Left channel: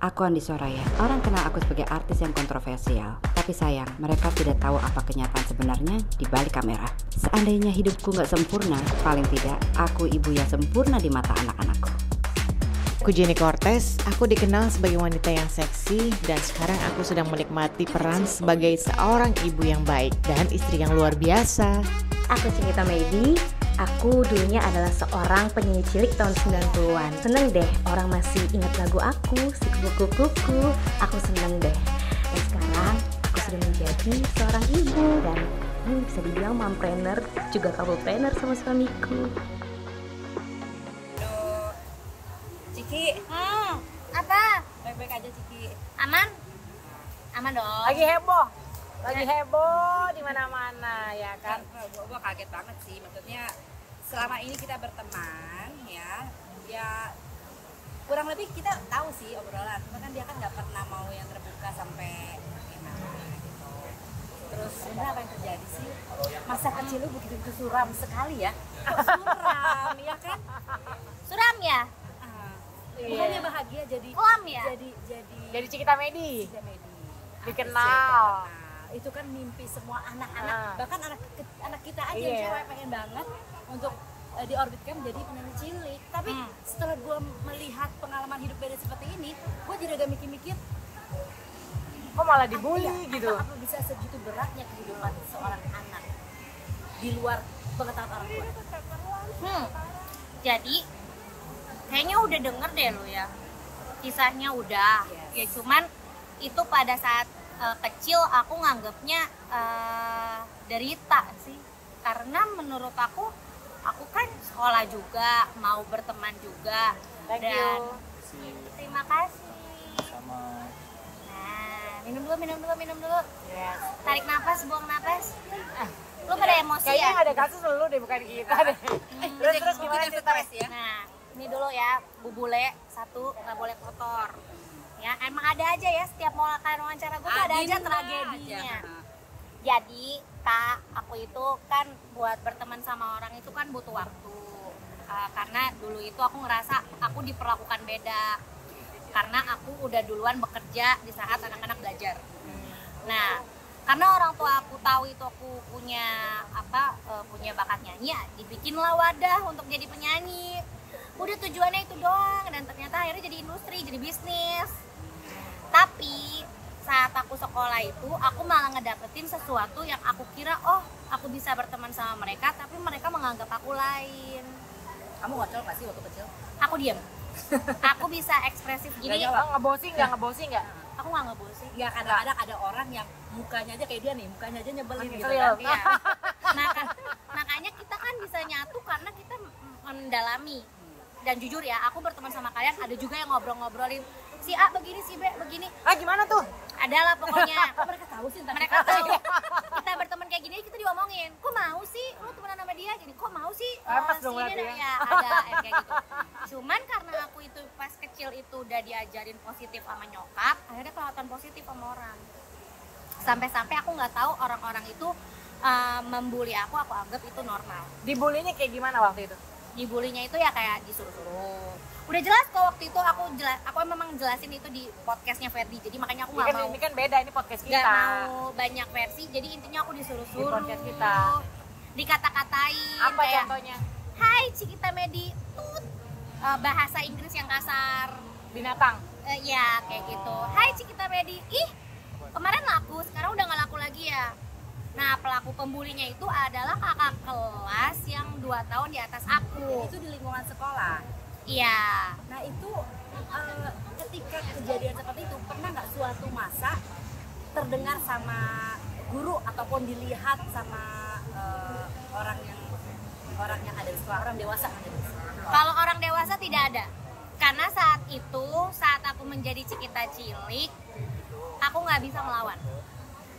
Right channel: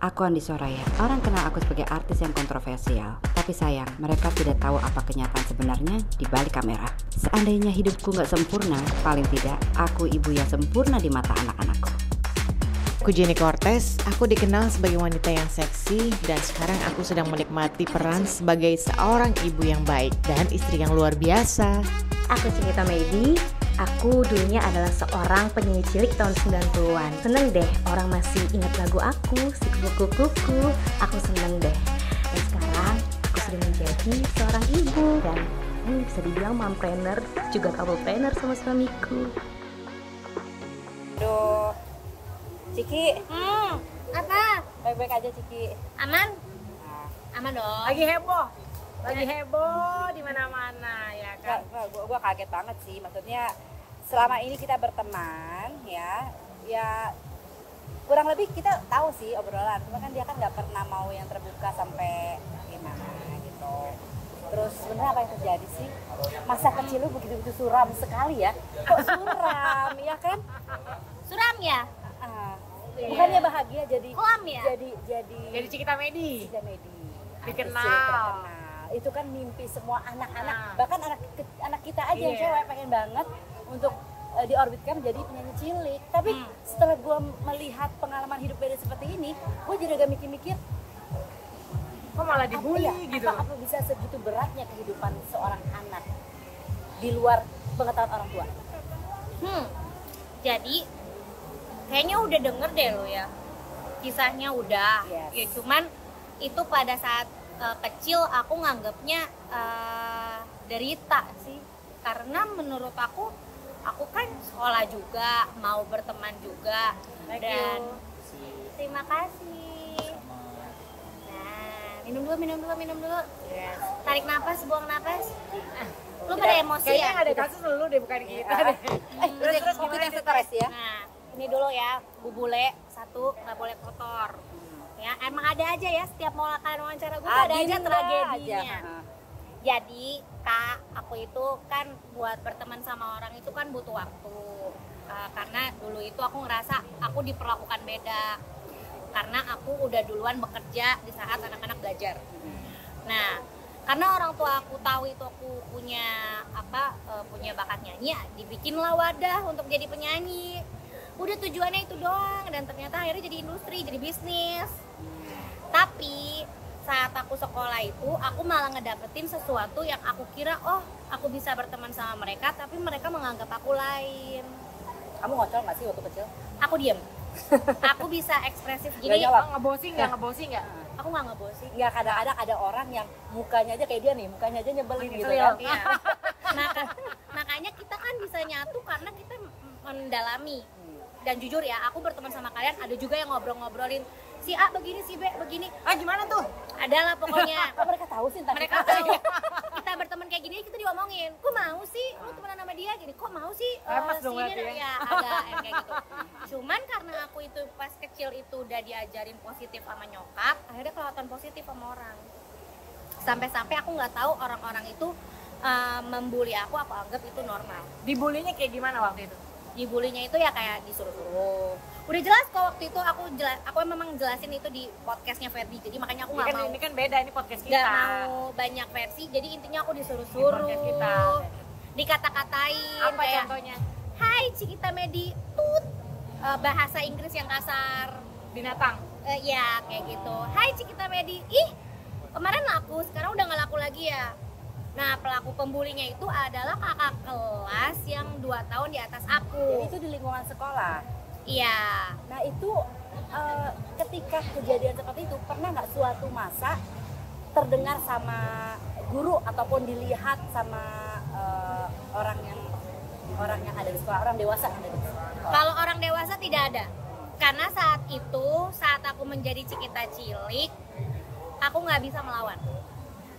Aku Andi Soraya. Orang kenal aku sebagai artis yang kontroversial. Tapi sayang, mereka tidak tahu apa kenyataan sebenarnya di balik kamera. Seandainya hidupku gak sempurna, paling tidak aku ibu yang sempurna di mata anak-anakku. Aku Jenny Cortez, aku dikenal sebagai wanita yang seksi dan sekarang aku sedang menikmati peran sebagai seorang ibu yang baik dan istri yang luar biasa. Aku Cikita Medi, aku dulunya adalah seorang penyanyi cilik tahun 90-an. Seneng deh orang masih ingat lagu aku, si kuku-kuku, aku seneng deh. Dan sekarang aku sudah menjadi seorang ibu dan bisa dibilang mompreneur, juga couplepreneur sama suamiku. Aduh, Ciki, Apa? baik-baik aja Ciki. Aman? Aman dong. Lagi heboh di mana-mana ya kan. Gua kaget banget sih, maksudnya selama ini kita berteman ya kurang lebih kita tahu sih obrolan, cuma kan dia kan nggak pernah mau yang terbuka sampai gimana gitu. Terus sebenarnya apa yang terjadi sih? Masa kecil lu begitu suram sekali ya? Kok suram ya kan? Suram ya? Bukannya bahagia jadi Kelam ya? jadi Cikita Medi. Dikenal. Itu kan mimpi semua anak-anak, bahkan anak kita aja yang cewek pengen banget untuk diorbitkan jadi penyanyi cilik. Tapi setelah gue melihat pengalaman hidup Medi seperti ini, gue jadi ada mikir-mikir, kok malah dibully gitu. Apa bisa segitu beratnya kehidupan seorang anak di luar pengetahuan orang tua? Jadi kayaknya udah denger deh lo ya, kisahnya udah. Ya cuman itu pada saat kecil aku nganggapnya derita sih, karena menurut aku kan sekolah juga, mau berteman juga. Dan terima kasih. Nah, minum dulu. Tarik napas, buang napas. Lu pada emosi kayaknya ya? ada kasus lu deh, bukan kita deh. Terus gimana ceritanya? Ya? Nah, ini dulu ya, bubule satu nggak boleh kotor. Ya, emang ada aja ya, setiap mau wawancara gue tuh ada aja tragedinya. Jadi Kak, aku itu kan buat berteman sama orang itu kan butuh waktu. Karena dulu itu aku ngerasa aku diperlakukan beda, karena aku udah duluan bekerja di saat anak-anak belajar. Nah, karena orang tua aku tahu itu aku punya punya bakat nyanyi, ya dibikinlah wadah untuk jadi penyanyi. Udah tujuannya itu doang, dan ternyata akhirnya jadi industri, jadi bisnis. Tapi saat aku sekolah itu, aku malah ngedapetin sesuatu yang aku kira, oh aku bisa berteman sama mereka, tapi mereka menganggap aku lain. Kamu ngocol nggak sih waktu kecil? Aku diem. Aku bisa ekspresif gini. Ngebosi nggak? Aku nggak ngebosi. Nggak, kadang-kadang ada orang yang mukanya aja kayak dia nih, mukanya aja nyebelin gitu Ngeselin. kan. Iya. Makanya kita kan bisa nyatu karena kita mendalami. Dan jujur ya, aku berteman sama kalian, ada juga yang ngobrol-ngobrolin si A begini, si B begini. Gimana tuh? Adalah pokoknya. Kok mereka tahu sih? Mereka tahu. Kita berteman kayak gini, kita diomongin. Kok mau sih lu temenan sama dia gini? Kok mau sih Lepas dong si berarti ini ya. ya ada kayak gitu. Cuman karena aku itu pas kecil itu udah diajarin positif sama nyokap, akhirnya kelihatan positif sama orang. Sampai-sampai aku nggak tahu orang-orang itu membuli aku anggap itu normal. Dibulinya kayak gimana waktu itu? Dibulinya itu ya kayak disuruh-suruh. Udah jelas kok waktu itu aku memang jelasin itu di podcastnya Ferdi, jadi makanya aku nggak mau. Ini kan beda, ini podcast kita. Nggak mau banyak versi, jadi intinya aku disuruh-suruh, Di podcast kita. dikata-katain. Apa kayak, contohnya? Hai Cikita Medi, tut. Bahasa Inggris yang kasar. Binatang. Ya kayak gitu. Hai Cikita Medi, ih kemarin laku, sekarang udah nggak laku lagi ya. Nah, pelaku pembulinya itu adalah kakak kelas yang 2 tahun di atas aku. Itu di lingkungan sekolah. Iya. Nah itu ketika kejadian seperti itu, pernah nggak suatu masa terdengar sama guru ataupun dilihat sama orang yang ada di sekolah, orang dewasa yang ada di sekolah? Kalau orang dewasa tidak ada. Karena saat aku menjadi Cikita cilik, aku nggak bisa melawan.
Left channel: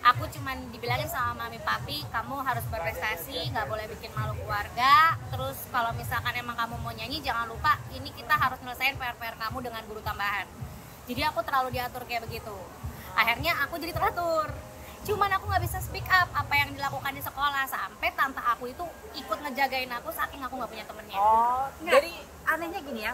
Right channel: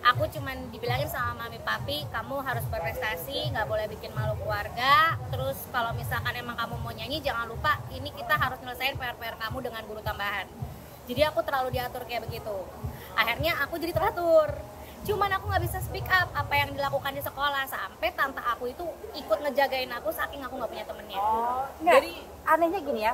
Aku cuman dibilangin sama mami papi, kamu harus berprestasi, nggak boleh bikin malu keluarga. Terus kalau misalkan emang kamu mau nyanyi, jangan lupa ini kita harus nyelesain PR-PR kamu dengan guru tambahan. Jadi aku terlalu diatur kayak begitu. Akhirnya aku jadi teratur. Cuman aku nggak bisa speak up apa yang dilakukan di sekolah, sampai tante aku itu ikut ngejagain aku saking aku nggak punya temennya. Oh, jadi anehnya gini ya,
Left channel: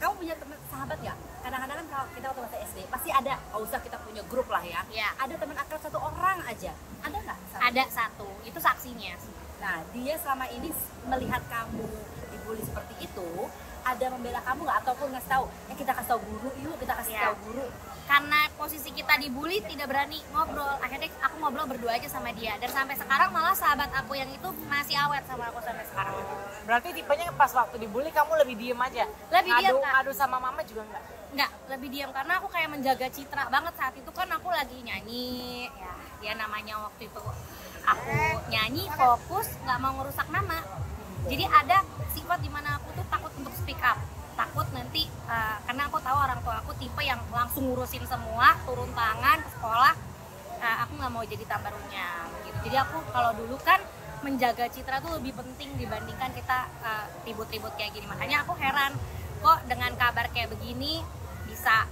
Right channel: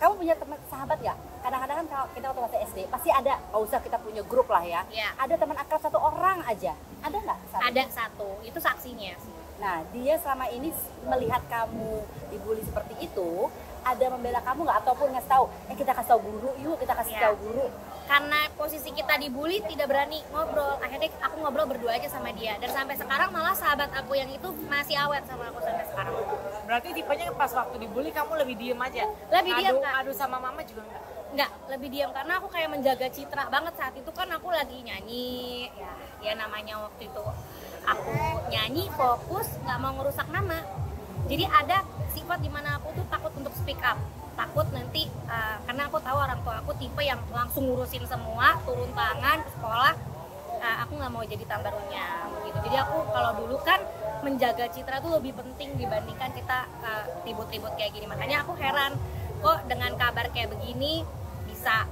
kamu punya teman sahabat ya? kadang-kadang kan kalau kita waktu masih SD pasti ada, nggak usah kita punya grup lah ya. Iya. Ada teman akrab satu orang aja, ada nggak? Ada satu, itu saksinya sih. Nah, dia selama ini melihat kamu dibully seperti itu, ada membela kamu nggak ataupun ngasih tahu, kita kasih tahu guru yuk, kita kasih Iya. tahu guru. Karena posisi kita dibully tidak berani ngobrol, akhirnya aku ngobrol berdua aja sama dia, dan sampai sekarang malah sahabat aku yang itu masih awet sama aku sampai sekarang. Berarti tipenya pas waktu dibully kamu lebih diem aja? Lebih diem, Kak. Adu sama mama juga enggak? Enggak, lebih diam karena aku kayak menjaga citra banget. Saat itu kan aku lagi nyanyi, ya namanya waktu itu aku nyanyi fokus, nggak mau ngerusak nama. Jadi ada sifat dimana aku tuh takut untuk speak up, takut nanti karena aku tahu orang tua aku tipe yang langsung ngurusin semua, turun tangan ke sekolah. Aku nggak mau jadi tambarunya gitu. Jadi aku kalau dulu kan menjaga citra tuh lebih penting dibandingkan kita ribut-ribut kayak gini. Makanya aku heran kok dengan kabar kayak begini bisa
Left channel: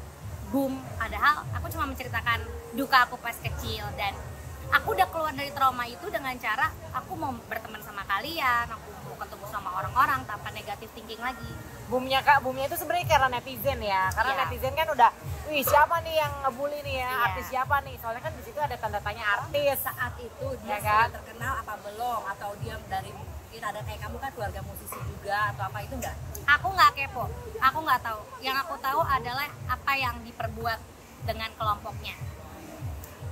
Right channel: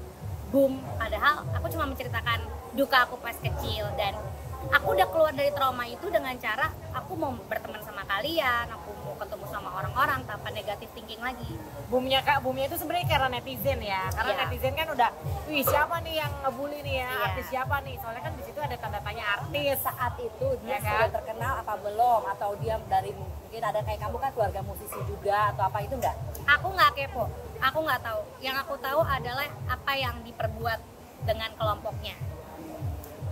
boom, padahal aku cuma menceritakan duka aku pas kecil, dan aku udah keluar dari trauma itu dengan cara aku mau berteman sama kalian, aku mau ketemu sama orang-orang tanpa negatif thinking lagi. Boomnya Kak, boomnya itu sebenarnya karena netizen ya. Karena Iya. netizen kan udah, wih siapa nih yang ngebully nih ya, Iya. artis siapa nih. Soalnya kan di situ ada tanda tanya artis. Saat itu dia Ya kan? sudah terkenal apa belum, atau dia dari mungkin ada kayak kamu kan keluarga musisi juga atau apa, itu enggak? Aku nggak kepo, aku nggak tahu. Yang aku tahu adalah apa yang diperbuat dengan kelompoknya.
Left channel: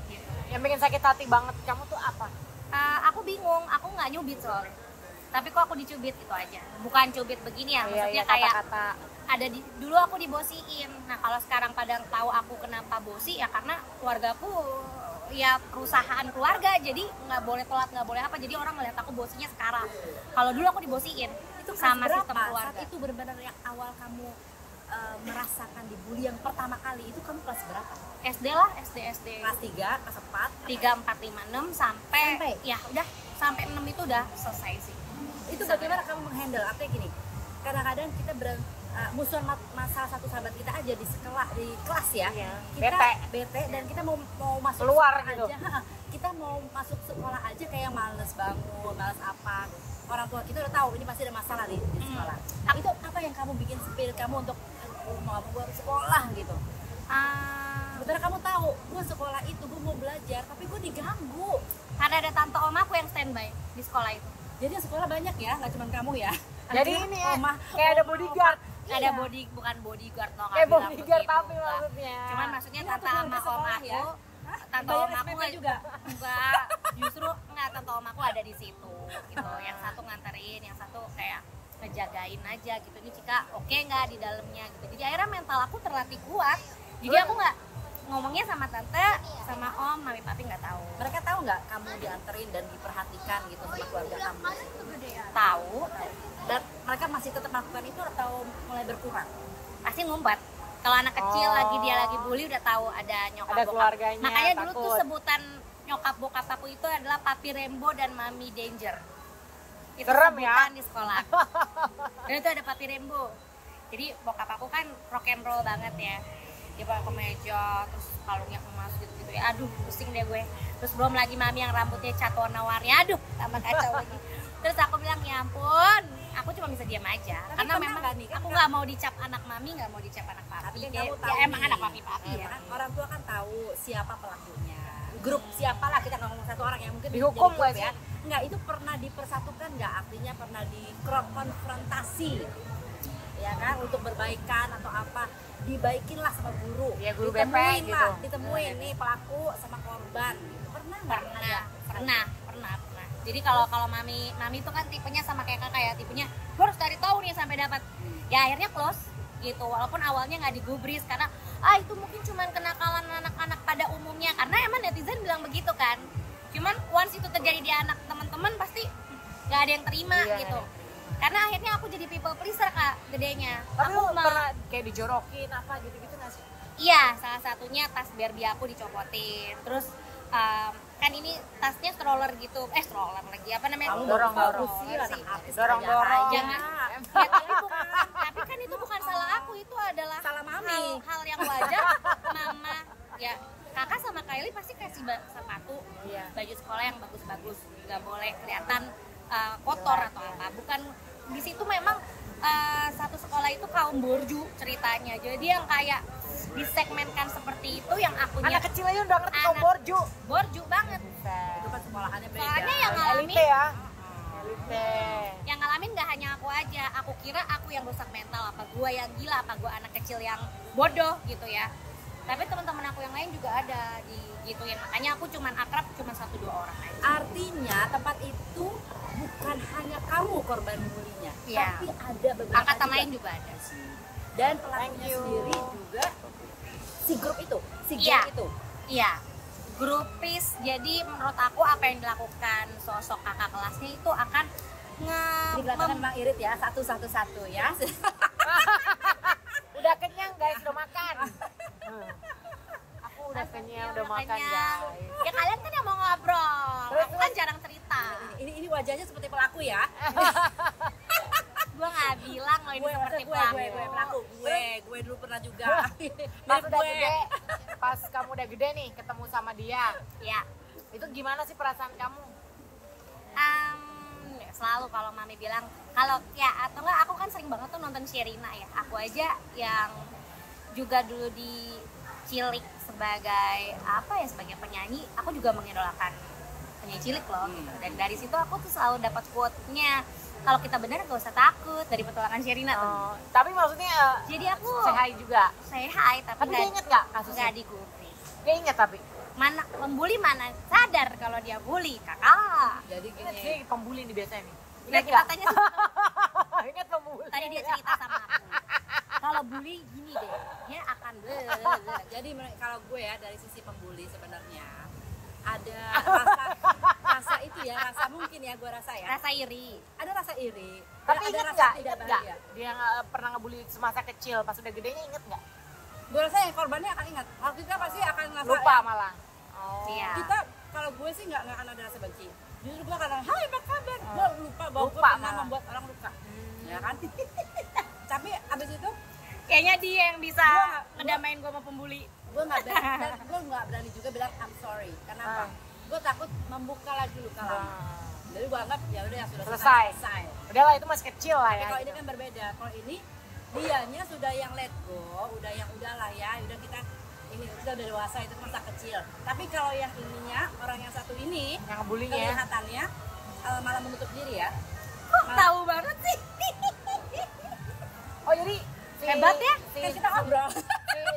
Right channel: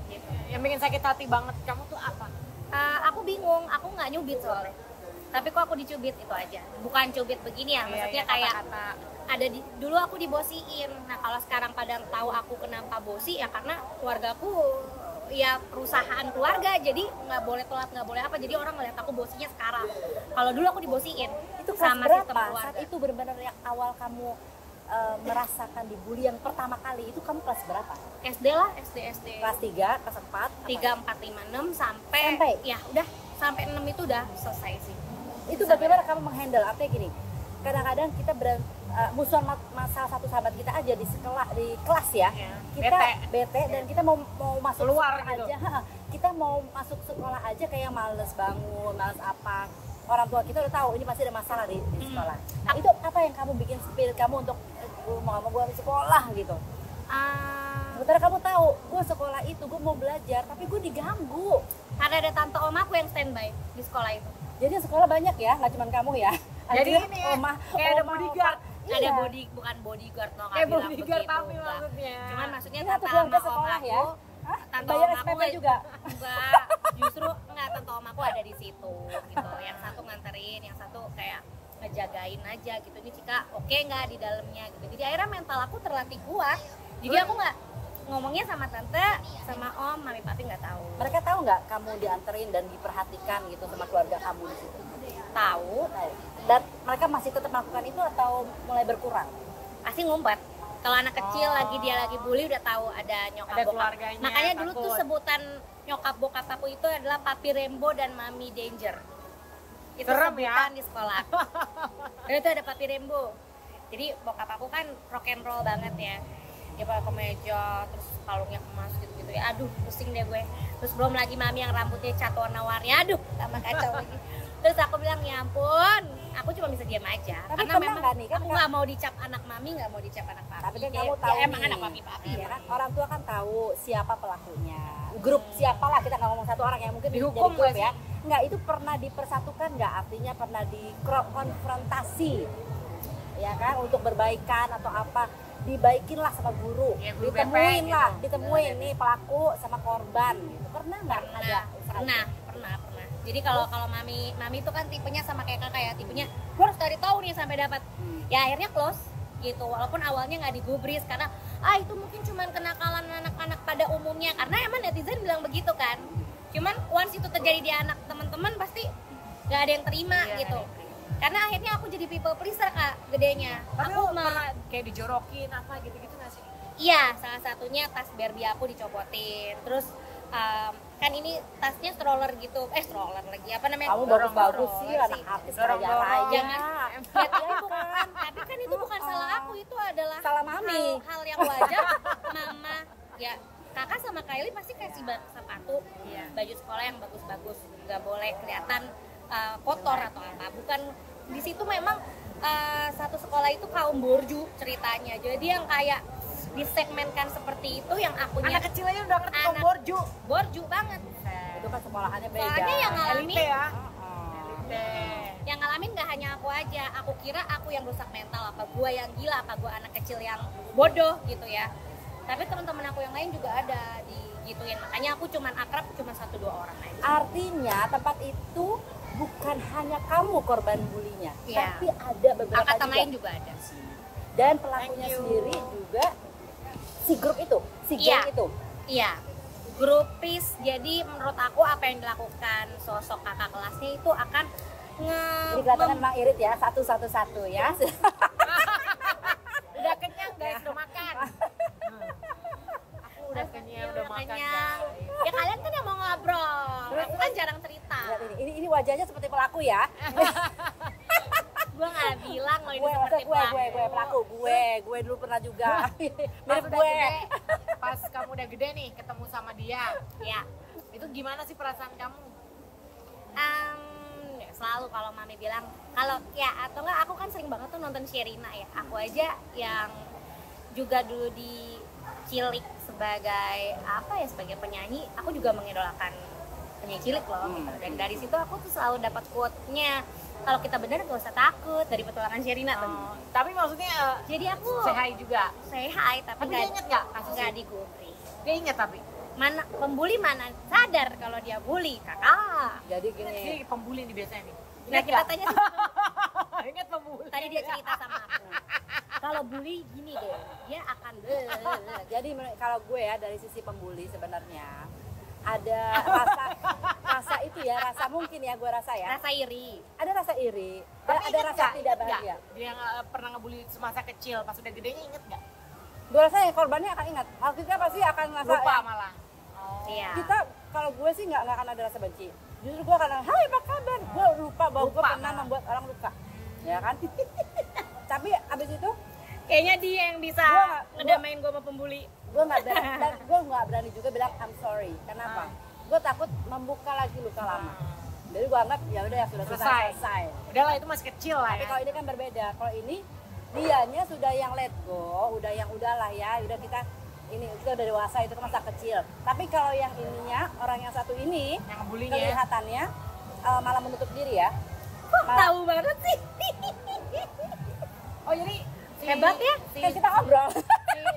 Gitu. Yang bikin sakit hati banget kamu tuh apa? Aku bingung, aku nggak nyubit soalnya. Tapi kok aku dicubit itu aja. Bukan cubit begini ya, maksudnya kayak kata-kata. ada dulu aku dibosiin. Nah kalau sekarang pada tahu aku kenapa bosi ya karena keluargaku ya perusahaan keluarga, jadi nggak boleh telat, nggak boleh apa, jadi orang ngeliat aku bosinya sekarang. Kalau dulu aku dibosiin Itu kelas sama berapa? sistem keluarga. Saat itu benar-benar yang awal kamu merasakan dibully yang pertama kali itu kamu kelas berapa? SD lah, SD Kelas 3, kelas 4? 3, 4, 5, 6 sampai ya udah sampai 6 itu udah selesai sih. Itu bagaimana kamu menghandle? Artinya gini, kadang-kadang kita musuhan salah satu sahabat kita aja di sekolah, di kelas ya, Iya. kita bete dan kita mau masuk Keluar sekolah gitu. aja, kita mau masuk sekolah aja kayak males bangun, males apa. Orang tua kita udah tahu ini pasti ada masalah di sekolah. Nah, itu apa yang kamu bikin spirit kamu untuk mau gue sekolah gitu? Sementara kamu tahu, gue sekolah itu gue mau belajar, tapi gue diganggu. Karena ada tante om aku yang standby di sekolah itu. Jadi sekolah banyak ya, nggak cuma kamu ya. Jadi ini ya, kayak ada bodyguard. Ada bukan bodyguard loh, Kayak bilang bodyguard begitu, tapi enggak. maksudnya. Cuman maksudnya Ini tante waktu sama kita om sekolah aku, ya? tante Bayar om aku SPP nggak juga? enggak, justru enggak, tante om aku ada di situ gitu. Yang satu nganterin, yang satu kayak ngejagain aja gitu. Ini Cika oke nggak di dalamnya gitu. Jadi akhirnya mental aku terlatih kuat. Jadi aku nggak ngomongnya sama tante, sama om, mami papi nggak tahu. Mereka tahu nggak kamu dianterin dan diperhatikan gitu sama keluarga kamu di situ? Tahu, Dan mereka masih tetap melakukan itu atau mulai berkurang? pasti ngumpet. Kalau anak kecil lagi dia lagi bully udah tahu ada nyokap Ada bokap. keluarganya, Makanya dulu tuh takut. sebutan nyokap bokap aku itu adalah Papi Rembo dan Mami Danger. Itu Serem sebutan ya? di sekolah. Dan itu ada Papi Rembo. Jadi bokap aku kan rock and roll banget ya. Dia pakai kemeja, terus kalungnya emas gitu-gitu ya. Aduh, pusing deh gue. Terus belum lagi Mami yang rambutnya cat warna-warni. Aduh, tambah kacau lagi. Terus aku bilang, ya ampun, aku cuma bisa diam aja. Tapi Karena pernah memang nggak nih, kan aku nggak mau dicap anak Mami, nggak mau dicap anak papi. Tapi kan Ya, kamu ya tahu emang nih, anak papi-papi ya. kan? Orang tua kan tahu siapa pelakunya. Grup siapa lah, kita nggak ngomong satu orang yang mungkin Dihukum jadi grup nggak ya. Nggak, itu pernah dipersatukan nggak? Artinya pernah dikonfrontasi, ya kan, untuk berbaikan atau apa? Dibaikinlah sama guru. Ya, guru BP ditemuin gitu. lah, ditemuin nih pelaku sama korban. Pernah nggak? Ada? Pernah. Jadi kalau mami itu kan tipenya sama kayak kakak ya, tipenya gue harus cari tahu nih sampai dapat. Ya akhirnya close gitu, walaupun awalnya nggak digubris karena itu mungkin cuman kenakalan anak-anak pada umumnya, karena emang netizen bilang begitu kan. Cuman once itu terjadi di anak teman-teman pasti nggak ada yang terima gitu. Karena akhirnya aku jadi people pleaser Kak, gedenya. Tapi Aku lu pernah kayak dijorokin apa gitu-gitu nggak sih? Iya, salah satunya tas Barbie aku dicopotin. Terus kan ini tasnya stroller gitu, stroller lagi apa namanya? Kamu Dorong-dorong bagus sih, anak artis Dorong-dorong. kaya raya. Jangan. Ya, tapi kan itu bukan salah aku, itu adalah Salah Mami. hal yang wajar. Mama, ya kakak sama Kylie pasti kasih sepatu, baju sekolah yang bagus-bagus, nggak boleh kelihatan kotor atau apa. Bukan di situ memang satu sekolah itu kaum borju ceritanya. Jadi yang kayak disegmenkan seperti itu yang akunya Anak kecil aja udah ngerti kok anak- borju. borju banget. Itu kan sekolahannya beda. Soalnya yang ngalamin Elite ya. Oh. Elite. yang ngalamin gak hanya aku aja. Aku kira aku yang rusak mental, apa gua yang gila, apa gua anak kecil yang bodoh gitu ya. Tapi teman-teman aku yang lain juga ada digituin. Makanya aku cuman akrab cuman 1-2 orang aja. Artinya tempat itu bukan hanya kamu korban bulinya, Iya. tapi ada beberapa Angkatan juga. lain juga ada. Dan pelakunya Thank you. sendiri juga si grup itu, si Iya. geng itu. Iya, grupis. Jadi menurut aku apa yang dilakukan sosok kakak kelasnya itu akan Di belakang Mak Irit ya, satu ya. Udah kenyang guys, udah makan. Aku udah kenyang, udah makan kenyang. guys. Ya kalian kan yang mau ngobrol. Aku kan jarang cerita. Ini wajahnya seperti pelaku ya. Gue nggak bilang loh ini seperti pelaku. Gue dulu pernah juga. Pas Mirip udah gue. gede, pas kamu udah gede nih ketemu sama dia, Ya, itu gimana sih perasaan kamu? selalu kalau mami bilang kalau ya atau enggak aku kan sering banget tuh nonton Sherina ya. Aku aja yang juga dulu dicilik sebagai apa ya, sebagai penyanyi, aku juga mengidolakan penyanyi cilik loh gitu. Dan dari situ aku tuh selalu dapat quote-nya, kalau kita benar gak usah takut, dari petualangan Sherina tuh. Tapi maksudnya Jadi aku say hi juga. say hi tapi Tapi dia inget nggak kasusnya? nggak digubris. Dia inget tapi. Mana pembuli mana sadar kalau dia bully kakak. Jadi gini. Dia pembuli nih biasanya nih. Nah, Ingat kita nggak? tanya sih, Ingat pembuli. tadi dia cerita sama aku. Kalau bully gini deh, dia akan Jadi kalau gue ya dari sisi pembuli sebenarnya ada rasa itu ya, rasa mungkin ya gue rasa ya. rasa iri. Ada rasa iri, Tapi ada inget rasa nggak? tidak Inget nggak? bahagia. Dia pernah ngebully semasa kecil, pas udah gedenya inget nggak? Gue rasa ya korbannya akan ingat. Kita pasti akan ngerasa Lupa ya, malah. Oh. Iya. kita kalau gue sih nggak akan ada rasa benci. Justru gue akan hai apa kabar. Gue lupa bahwa gue Lupa pernah malah. membuat orang luka, ya kan? Tapi abis itu Kayaknya dia yang bisa Gua- ngedamain gue sama pembuli. gue nggak berani juga bilang I'm sorry. Kenapa? Gue takut membuka lagi luka lama. Jadi gue anggap ya udah ya sudah Selesai. Udahlah itu masih kecil lah Tapi ya. kalau ini kan berbeda. Kalau ini dianya sudah yang let go, udah yang udahlah ya, udah kita udah dewasa, itu kan masa kecil. Tapi kalau yang ininya, orang yang satu ini Yang ngebulinya. kelihatannya malah menutup diri ya. Kok Malah- tahu banget sih? Oh jadi Hebat ya? Kayak kita ngobrol.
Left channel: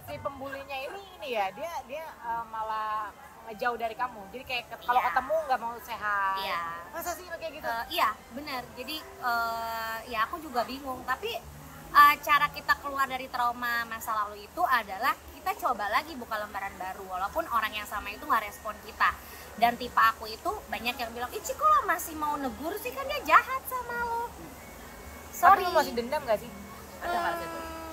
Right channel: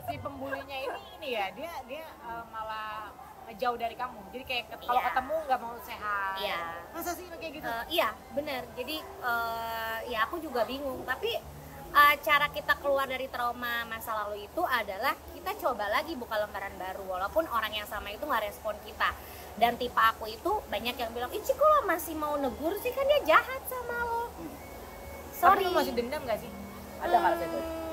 si pembulinya ini ya dia malah ngejauh dari kamu. Jadi kayak kalau Iya. ketemu nggak mau sehat. Iya. Masa sih lo kayak gitu? Iya, benar. Jadi ya aku juga bingung. Tapi cara kita keluar dari trauma masa lalu itu adalah kita coba lagi buka lembaran baru. Walaupun orang yang sama itu nggak respon kita. Dan tipe aku itu banyak yang bilang, Ici kok lo masih mau negur sih, kan dia jahat sama lo. Sorry. Tapi lo masih dendam nggak sih? Ada nggak sih?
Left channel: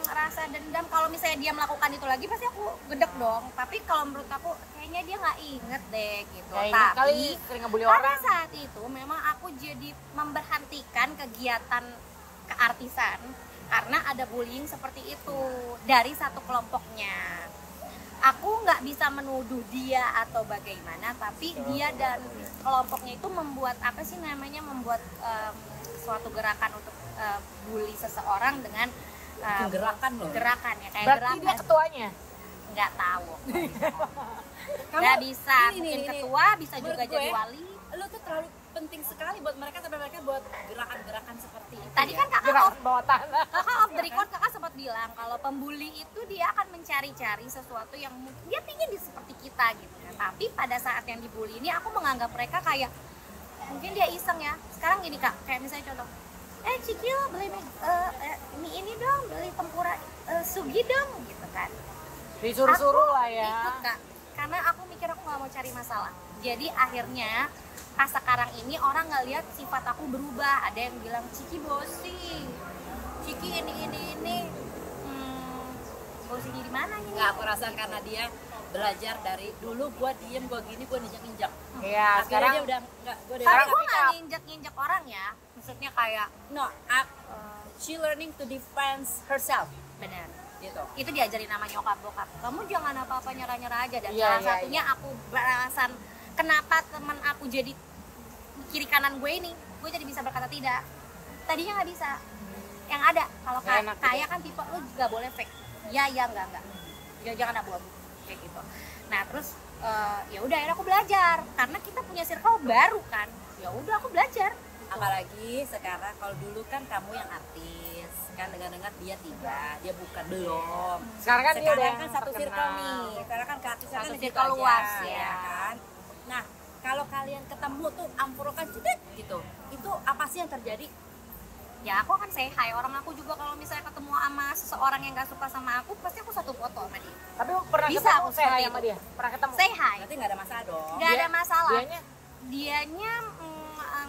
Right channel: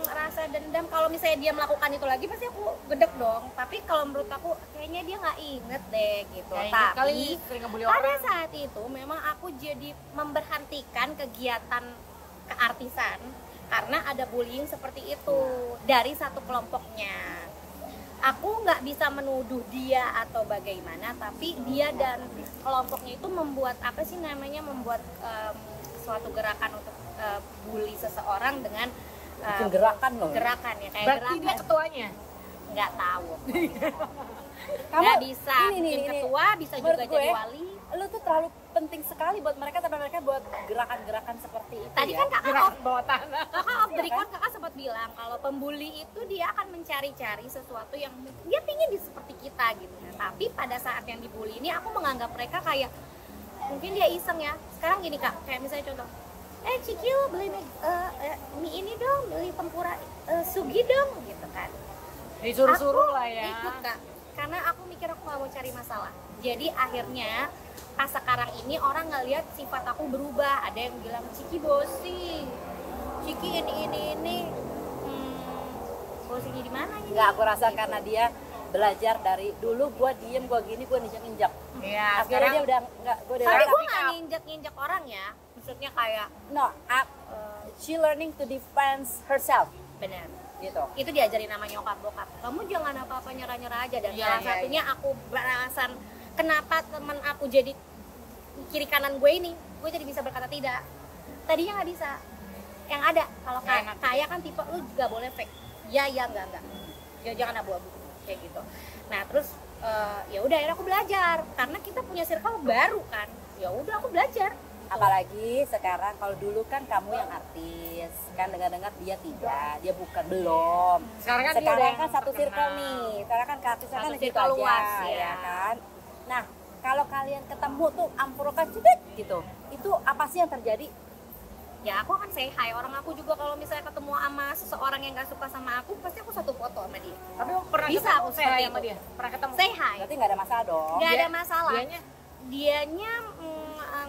Rasa dendam, kalau misalnya dia melakukan itu lagi pasti aku gedek dong. Tapi kalau menurut aku kayaknya dia nggak inget deh gitu. Nggak inget kali, Tapi sering ngebully pada orang. saat itu memang aku jadi memberhentikan kegiatan keartisan karena ada bullying seperti itu dari satu kelompoknya. Aku nggak bisa menuduh dia atau bagaimana, tapi dia dan kelompoknya itu membuat apa sih namanya, membuat suatu gerakan untuk bully seseorang dengan Bikin gerakan loh. gerakan ya, kayak Berarti dia gerakan ketuanya. nggak tahu Kamu- nggak bisa ini, mungkin ini. ketua bisa Menurut juga gue, jadi wali. Lu tuh terlalu penting sekali buat mereka, tapi mereka buat gerakan-gerakan seperti itu. Tadi ya. kan kakak Gerakan bawah tanah. off the record kakak sempat bilang kalau pembuli itu dia akan mencari-cari sesuatu yang mungkin dia pingin di seperti kita gitu. Nah, tapi pada saat yang dibully ini aku menganggap mereka kayak mungkin dia iseng ya. Sekarang gini kak, kayak misalnya contoh, Cikil beli mie ini dong, beli tempura sugi dong gitu kan. Disuruh-suruh Aku lah ya. ikut kak, karena aku mikir aku nggak mau cari masalah. Jadi akhirnya pas sekarang ini orang ngeliat sifat aku berubah. Ada yang bilang Ciki bosi, Ciki ini. Bosinya di mana ini? Nggak, aku rasa karena dia belajar dari dulu gua diem, gua gini, gua ninjak-ninjak. Iya, Akhirnya sekarang dia udah nggak, gua udah Tapi Sekarang gue speak nggak up. nginjak orang ya. Maksudnya kayak no, she learning to defend herself bener. gitu. Itu diajarin nama nyokap bokap. Kamu jangan apa-apa nyerah-nyerah aja. Dan Iya, salah iya, satunya aku beralasan kenapa teman aku jadi kiri kanan gue ini, gue jadi bisa berkata tidak. Tadinya nggak bisa. Yang ada kalau Nggak enak kayak kan tipe lu juga boleh fake. Ya enggak. jangan abu-abu kayak gitu. Nah terus ya udah akhirnya aku belajar karena kita punya circle baru kan, ya udah aku belajar. Apalagi sekarang, kalau dulu kan kamu yang artis, kan dengar-dengar dia tidak, dia bukan, belum. Sekarang kan dia udah Sekarang yang kan satu terkenal. circle nih, sekarang kan artisnya Satu kan gitu circle aja, luas, ya. kan. Nah, kalau kalian ketemu tuh amprokan cedek gitu, itu apa sih yang terjadi? Ya aku akan say hi, orang aku juga kalau misalnya ketemu sama seseorang yang gak suka sama aku, pasti aku satu foto sama dia. Tapi pernah Bisa ketemu aku saya seperti sama itu. dia? Pernah ketemu? Say hi, Berarti nggak ada masalah dong. nggak ada masalah. Dianya?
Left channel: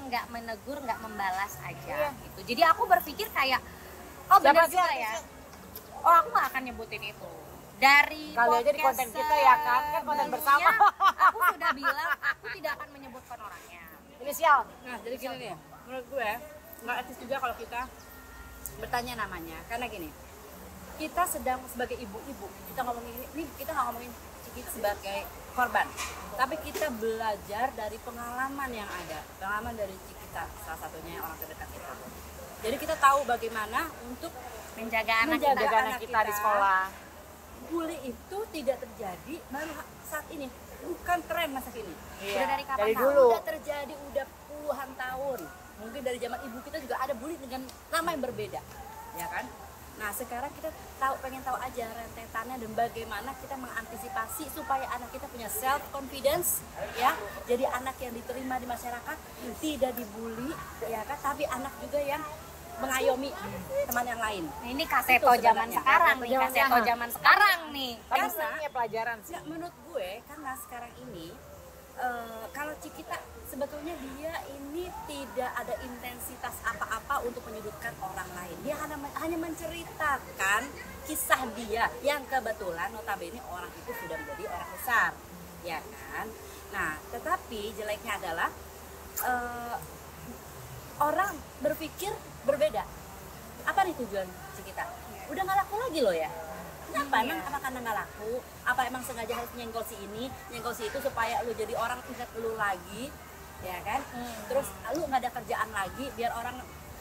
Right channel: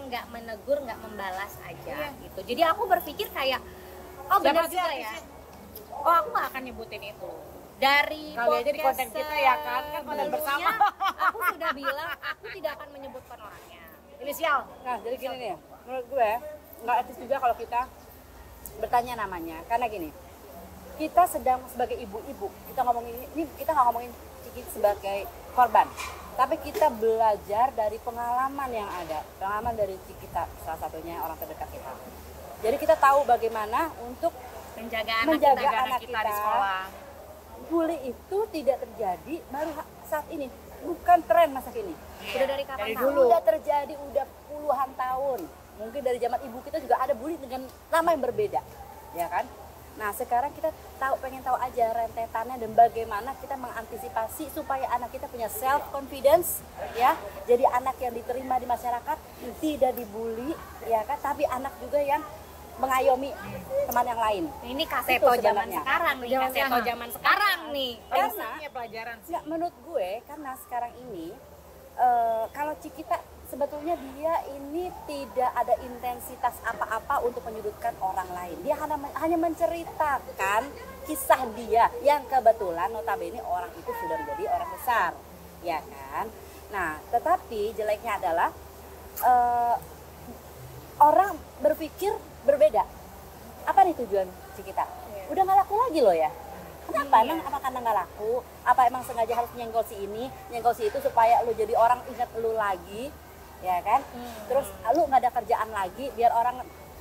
Nggak menegur, nggak membalas aja Iya. gitu. Jadi aku berpikir kayak, oh benar Siapa sih juga ya. artisnya? Oh aku nggak akan nyebutin itu. Dari Kali aja di podcast konten kita ya kan konten sebelumnya, bersama. aku sudah bilang aku tidak akan menyebutkan orangnya. Inisial. Nah, jadi gini nih, menurut gue nggak etis juga kalau kita bertanya namanya, karena gini, kita sedang sebagai ibu-ibu, kita ngomongin ini, kita nggak ngomongin Ciki sebagai korban, tapi kita belajar dari pengalaman yang ada, pengalaman dari kita, salah satunya orang terdekat kita. Jadi kita tahu bagaimana untuk Menjaga anak Menjaga kita. anak kita di sekolah. bully itu tidak terjadi baru saat ini, bukan tren masa kini. Udah dari kapan Dari tahu? dulu. Udah terjadi udah puluhan tahun. Mungkin dari zaman ibu kita juga ada bully dengan nama yang berbeda, ya kan? Nah sekarang kita pengen tahu aja rentetannya dan bagaimana kita mengantisipasi supaya anak kita punya self confidence, ya. Jadi anak yang diterima di masyarakat, tidak dibully, ya kan? Tapi anak juga yang mengayomi teman yang lain. Ini kaseto Itu zaman sebenarnya. sekarang nih, kaseto zaman sekarang nih. Prinsipnya pelajaran sih. Nggak, menurut gue karena sekarang ini kalau Cikita sebetulnya dia ini tidak ada intensitas apa-apa untuk menyudutkan orang lain. Dia hanya menceritakan kisah dia yang kebetulan notabene orang itu sudah menjadi orang besar, ya kan? Nah, tetapi jeleknya adalah orang berpikir berbeda. Apa nih tujuan Cikita? Udah nggak laku lagi loh ya. Kenapa? Emang apa karena nggak laku? Apa emang sengaja harus nyenggol si ini, nyenggol si itu supaya lu jadi orang ingat lu lagi, ya kan? Terus lu nggak ada kerjaan lagi, biar orang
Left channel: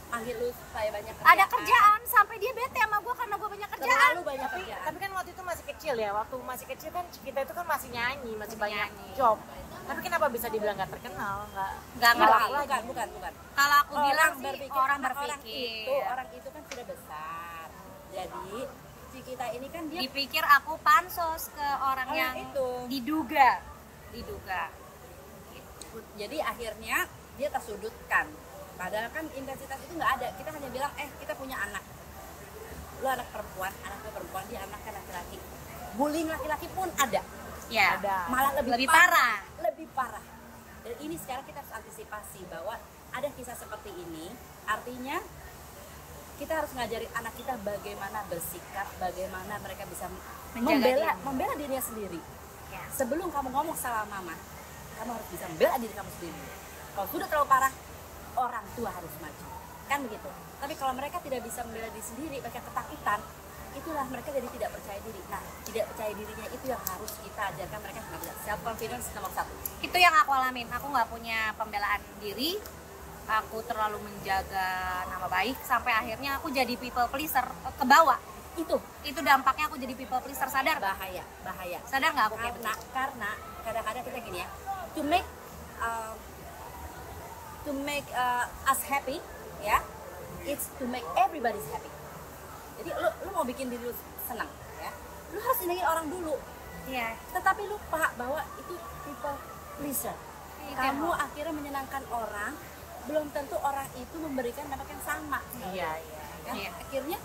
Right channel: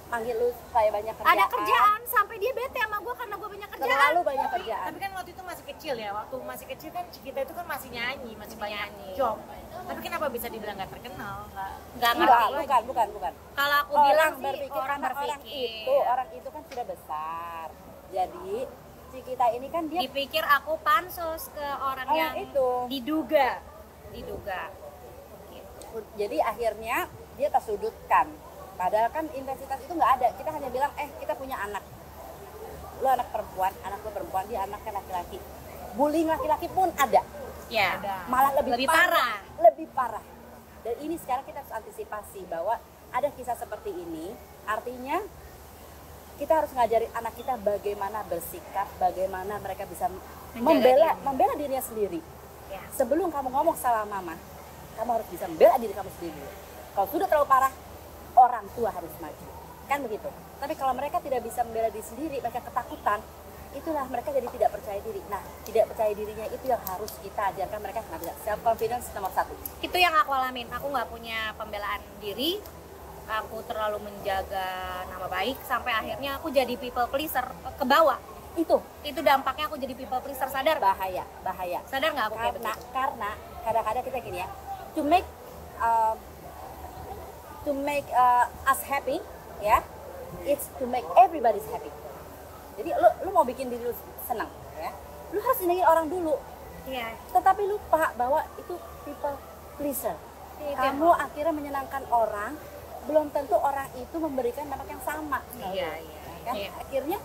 panggil lu supaya banyak kerjaan. Ada kerjaan sampai dia bete sama gue karena gue banyak kerjaan. Terlalu banyak kerjaan. Tapi kan waktu itu masih kecil ya, waktu masih kecil kan kita itu kan masih nyanyi, masih banyak nyanyi. job. Tapi kenapa bisa dibilang nggak terkenal? Nggak ngerti. Bukan. Kalau aku bilang sih orang karena berpikir. orang itu kan sudah besar. Jadi Cikita ini kan dia Dipikir aku pansos ke orang Oh, yang itu. diduga. jadi akhirnya dia tersudutkan. Padahal kan intensitas itu nggak ada. Kita hanya bilang, kita punya anak. Lu anak perempuan, anaknya perempuan, dia anaknya laki-laki. Bullying laki-laki pun ada. Ya. Malah lebih parah. Lebih parah. Dan ini sekarang kita harus antisipasi bahwa ada kisah seperti ini. Artinya kita harus ngajarin anak kita bagaimana bersikap, bagaimana mereka bisa membela dirinya sendiri. Ya. Sebelum kamu ngomong salah mama, kamu harus bisa membela diri kamu sendiri. Kalau sudah terlalu parah, orang tua harus maju. Kan begitu. Tapi kalau mereka tidak bisa membela diri sendiri, mereka ketakutan, itulah mereka jadi tidak percaya diri. Nah, tidak percaya dirinya itu yang harus kita ajarkan mereka. Nggak bisa. Self confidence nomor 1. Itu yang aku alamin. Aku nggak punya pembelaan diri. Aku terlalu menjaga nama baik sampai akhirnya aku jadi people pleaser ke bawah. Itu dampaknya aku jadi people pleaser, sadar nggak? Bahaya. Sadar nggak aku kayak begitu? Karena kadang-kadang kita gini ya, to make us happy, ya, it's to make everybody's happy. Jadi lu mau bikin diri lu senang, ya, lu harus senengin orang dulu. Iya. Tetapi lupa bahwa itu people pleaser. Itu Kamu yang- akhirnya menyenangkan orang, belum tentu orang itu memberikan dampak yang sama. Iya. Kan? Iya. Akhirnya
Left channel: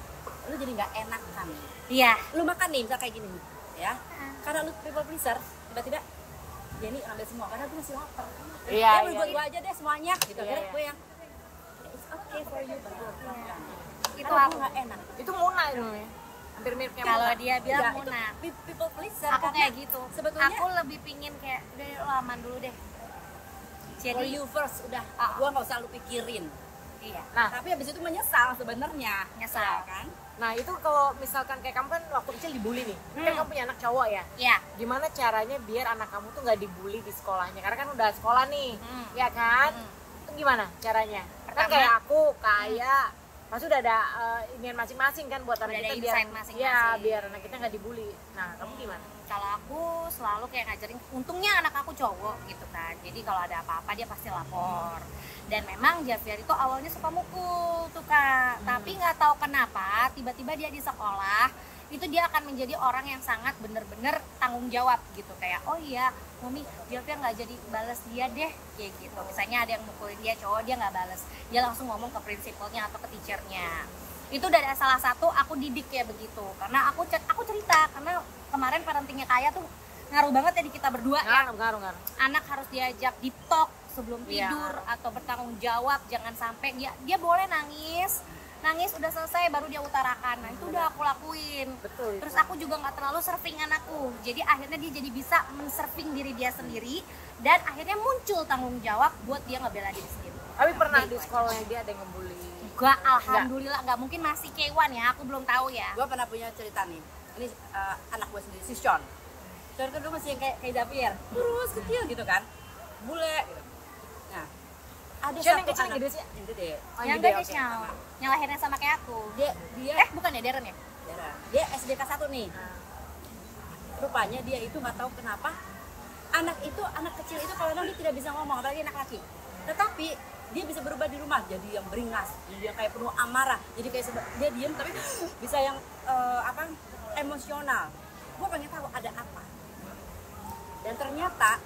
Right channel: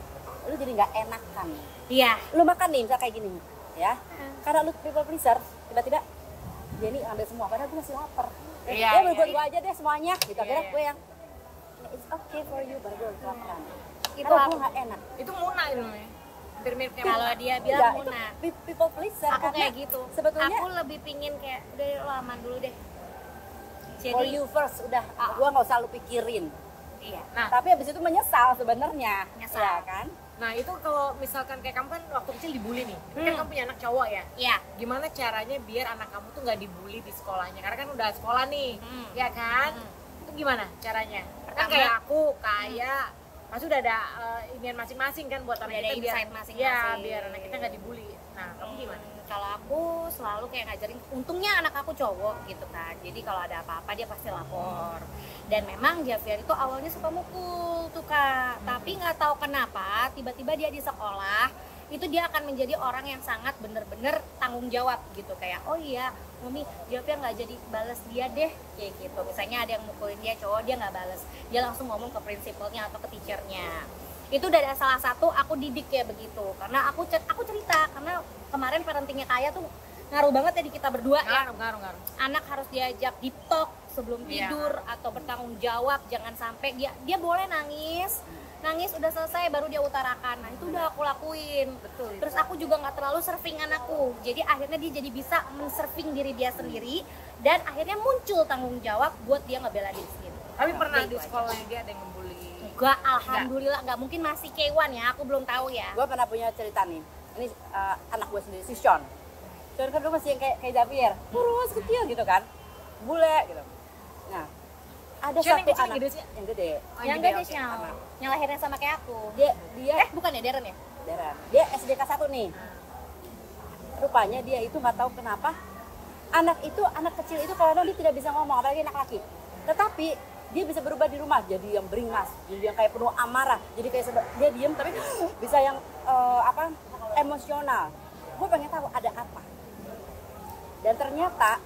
lu jadi nggak enakan. Iya. Lu makan nih misal kayak gini, ya. Karena lu people pleaser, tiba-tiba Jenny ngambil semua, padahal gue masih lapar. Iya, Ya, iya. gue aja deh semuanya. Gitu, akhirnya Iya. gue yang it's okay for you, baru gue makan. Itu Karena aku. gue nggak enak. Itu Muna itu nih. Hampir mirip kayak Kalau Muna. dia bilang Ya, Muna, itu people pleaser. aku karena kayak gitu. Sebetulnya Aku lebih pingin kayak udah lo aman dulu deh. for Jadi you first, udah. Gue nggak usah lu pikirin. iya. Nah, Tapi habis itu menyesal sebenarnya. Nyesal. Ya, kan? nah itu kalau misalkan kayak kamu kan waktu kecil dibully nih. Ini kan kamu punya anak cowok ya. Iya. Gimana caranya biar anak kamu tuh nggak dibully di sekolahnya? Karena kan udah sekolah nih, ya kan? Itu gimana caranya? Kan Pertama- kayak aku, kayak pasti udah ada inian masing-masing kan buat Udah anak ada kita insight biar masing-masing. biar anak kita nggak dibully. Nah, kamu gimana? Kalau aku selalu kayak ngajarin, untungnya anak aku cowok gitu kan, jadi kalau ada apa-apa dia pasti lapor. Dan memang Javier itu awalnya suka mukul tuh kak, tapi nggak tahu kenapa tiba-tiba dia di sekolah itu dia akan menjadi orang yang sangat bener-bener tanggung jawab gitu, kayak oh iya Mami, Javier nggak jadi balas dia deh, kayak gitu. Misalnya ada yang mukulin dia cowok, dia nggak balas, dia langsung ngomong ke prinsipalnya atau ke teachernya. Itu dari salah satu aku didik kayak begitu, karena aku cerita, karena kemarin parentingnya Kaya tuh ngaruh banget ya di kita berdua ya. Ngaruh. Anak harus diajak di talk sebelum tidur atau bertanggung jawab, jangan sampai dia boleh nangis udah selesai baru dia utarakan. Nah itu udah aku lakuin. Betul. Terus aku juga nggak terlalu surfing anakku, jadi akhirnya dia jadi bisa men-surfing diri dia sendiri dan akhirnya muncul tanggung jawab buat dia ngebela diri sendiri. Tapi pernah Gitu di sekolahnya dia ada yang ngebully? Enggak, alhamdulillah nggak, mungkin masih K1 ya, aku belum tahu ya. Gue pernah punya cerita nih. Ini anak gue sendiri, si Sean. Sean kan tuh masih yang kayak Javier, kurus kecil gitu kan, bule gitu. Nah, ada Sean yang satu kecil, anak gede sih? yang gede. Oh, Yang gede, gak oke. Shell, yang lahirnya sama kayak aku. Dia Bukan ya Darren ya? Darren. Dia SD kelas 1 nih. Rupanya dia itu nggak tahu kenapa anak kecil itu kalau dia tidak bisa ngomong, apalagi anak laki. Tetapi dia bisa berubah di rumah jadi yang beringas, jadi yang kayak penuh amarah, jadi kayak dia diem tapi bisa yang emosional. Gue pengen tahu ada apa. Dan ternyata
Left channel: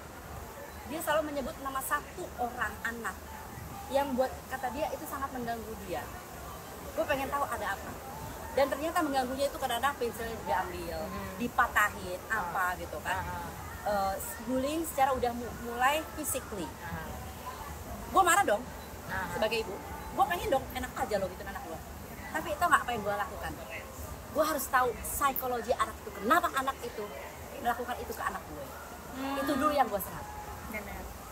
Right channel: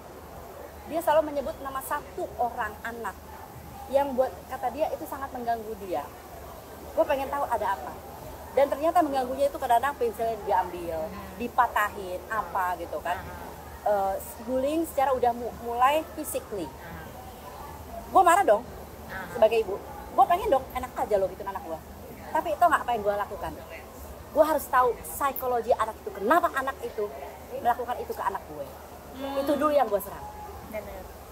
dia selalu menyebut nama satu orang anak yang buat kata dia itu sangat mengganggu dia. Gue pengen tahu ada apa. Dan ternyata mengganggunya itu kadang-kadang pensilnya diambil, dipatahin, apa gitu kan. Bullying secara udah mulai physically. Gue marah dong sebagai ibu. Gue pengen dong enak aja lo gitu anak gue. Tapi itu nggak apa yang gue lakukan. Gue harus tahu psikologi anak itu. Kenapa anak itu melakukan itu ke anak gue. Itu dulu yang gue serang.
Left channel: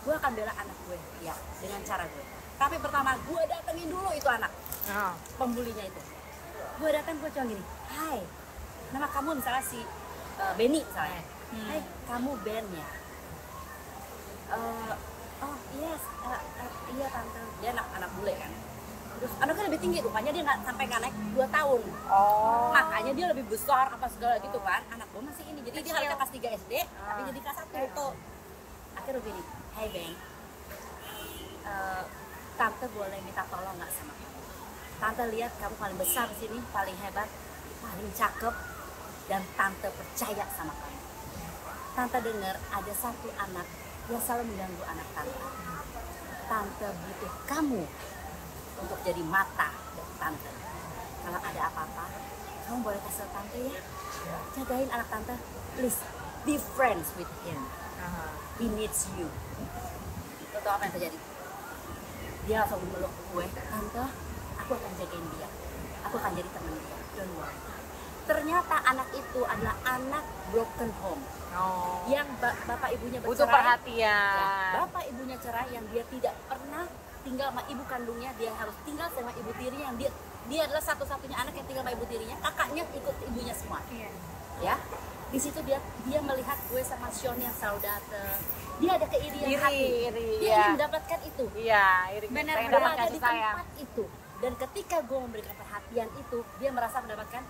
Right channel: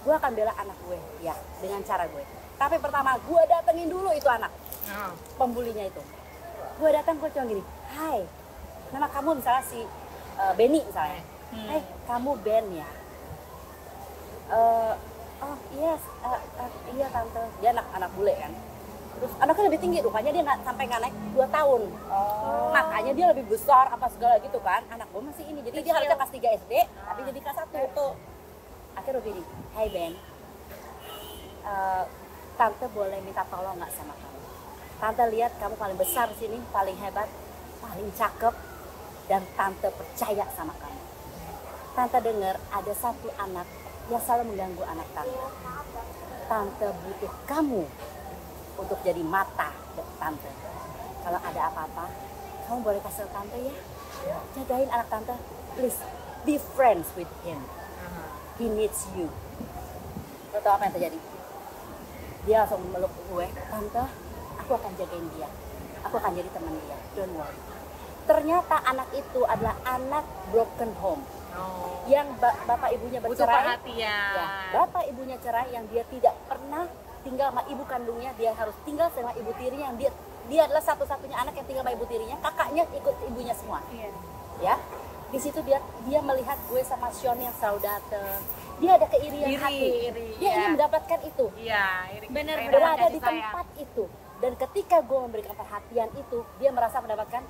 Gue akan bela anak gue ya dengan cara gue. Tapi pertama gue datengin dulu itu anak pembulinya itu. Gue datang, gue cuma gini, hai, nama kamu misalnya si Benny misalnya. Hai, kamu Ben ya? Oh yes, iya tante. Dia anak bule kan. Terus anaknya lebih tinggi, rupanya dia sampai nggak naik 2 tahun. Makanya dia lebih besar apa segala gitu kan. Anak gue masih ini, jadi dia harusnya kelas 3 SD, tapi jadi kelas 1 tuh. Akhirnya begini, hai Ben, tante boleh minta tolong nggak sama kamu? Tante lihat kamu paling besar di sini, paling hebat, paling cakep, dan tante percaya sama kamu. Tante dengar ada satu anak yang selalu mengganggu anak tante. Tante butuh kamu untuk jadi mata dari tante. Kalau ada apa-apa, kamu boleh kasih tante ya. Jagain anak tante, please be friends with him. He needs you. Lo tau apa yang terjadi? Dia langsung meluk gue, tante, aku akan jagain dia. Aku akan jadi teman dia. Don't worry. Ternyata anak itu adalah anak broken home. Yang bapak ibunya bercerai. Butuh perhatian. Ya, bapak ibunya cerai, yang dia tidak pernah tinggal sama ibu kandungnya. Dia harus tinggal sama ibu tirinya. Yang dia adalah satu-satunya anak yang tinggal sama ibu tirinya. Kakaknya ikut ibunya semua. Ya. Di situ dia melihat gue sama Sean yang selalu dateng. Dia ada keirian hati. Dia ingin mendapatkan itu. Iya, iri. Bener, Dia ada di tempat itu. Dan ketika gue memberikan perhatian itu, dia merasa mendapatkan,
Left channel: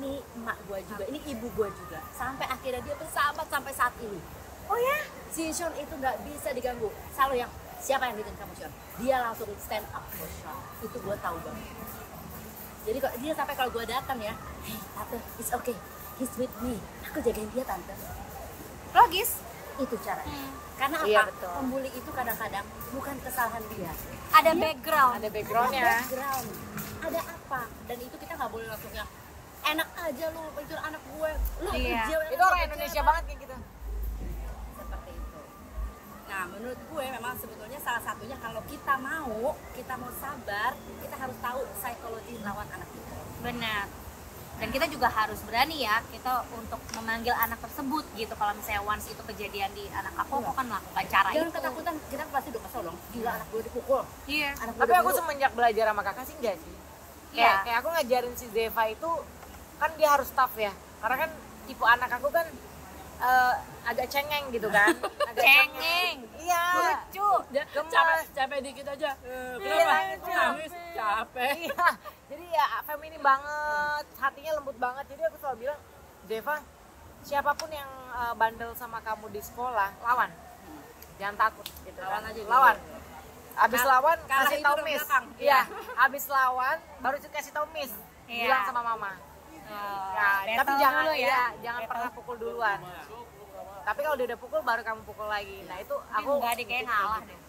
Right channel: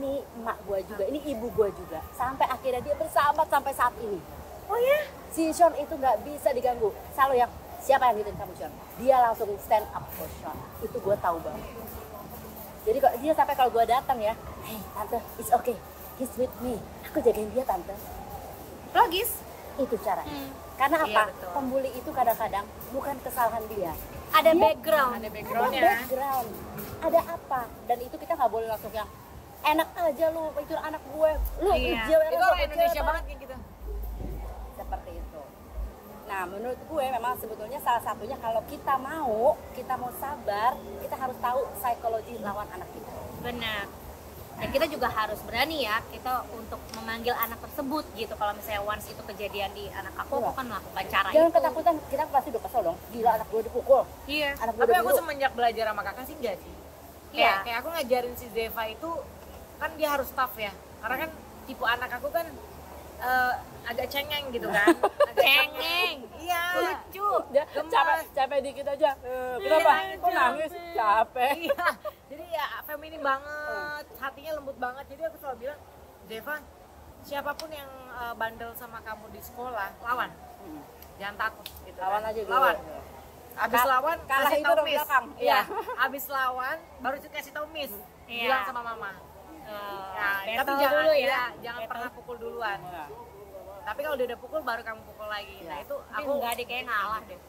ini emak gue juga, ini ibu gue juga. Sampai akhirnya dia bersahabat sampai saat ini. Oh ya? Si Sean itu nggak bisa diganggu. Selalu yang, siapa yang bikin kamu Sean? Dia langsung stand up for Sean. Itu gue tahu banget. Jadi dia sampai kalau gue datang ya, hey, tante, it's okay, he's with me. Aku jagain dia tante. Logis. Itu caranya. Karena apa? Iya, betul. Pembuli itu kadang-kadang bukan kesalahan dia. Ada background. Ada Ada backgroundnya. background. Ada apa? Dan itu kita nggak boleh langsung yang enak aja lu, itu anak gue. Lu Iya. Itu orang Indonesia banget kayak gitu. Seperti itu. Nah, menurut gue memang sebetulnya salah satunya kalau kita mau sabar, kita harus tahu psikologi lawan anak kita. Benar. Dan kita juga harus berani ya, kita untuk memanggil anak tersebut gitu. Kalau misalnya once itu kejadian di anak aku kan melakukan cara Jangan itu. ketakutan, kita pasti udah kesel dong. Gila anak gue dipukul. Iya. Anak gue Tapi aku diburu. semenjak belajar sama kakak sih enggak sih. Iya. Kayak aku ngajarin si Zeva itu kan dia harus tough ya. Karena kan tipe anak aku kan agak cengeng gitu kan. Agak Cengeng. Iya. Lucu. Capek dikit aja. Kenapa? Iya, Kok nangis? Capek. Iya. Jadi ya feminin banget, hatinya lembut banget. Jadi aku selalu bilang, Deva, siapapun yang bandel sama kamu di sekolah, lawan. Jangan takut gitu. Lawan kan. aja dulu. Lawan. Abis lawan kalah kasih itu tau udah miss. belakang. Iya. Abis lawan baru kasih tau miss. Iya. Bilang sama mama. Nah, tapi battle jangan dulu ya. iya, jangan Battle. pernah pukul duluan. Iya. Tapi kalau dia udah pukul baru kamu pukul lagi. Nah itu Tapi aku enggak deh, kayak ngalah deh.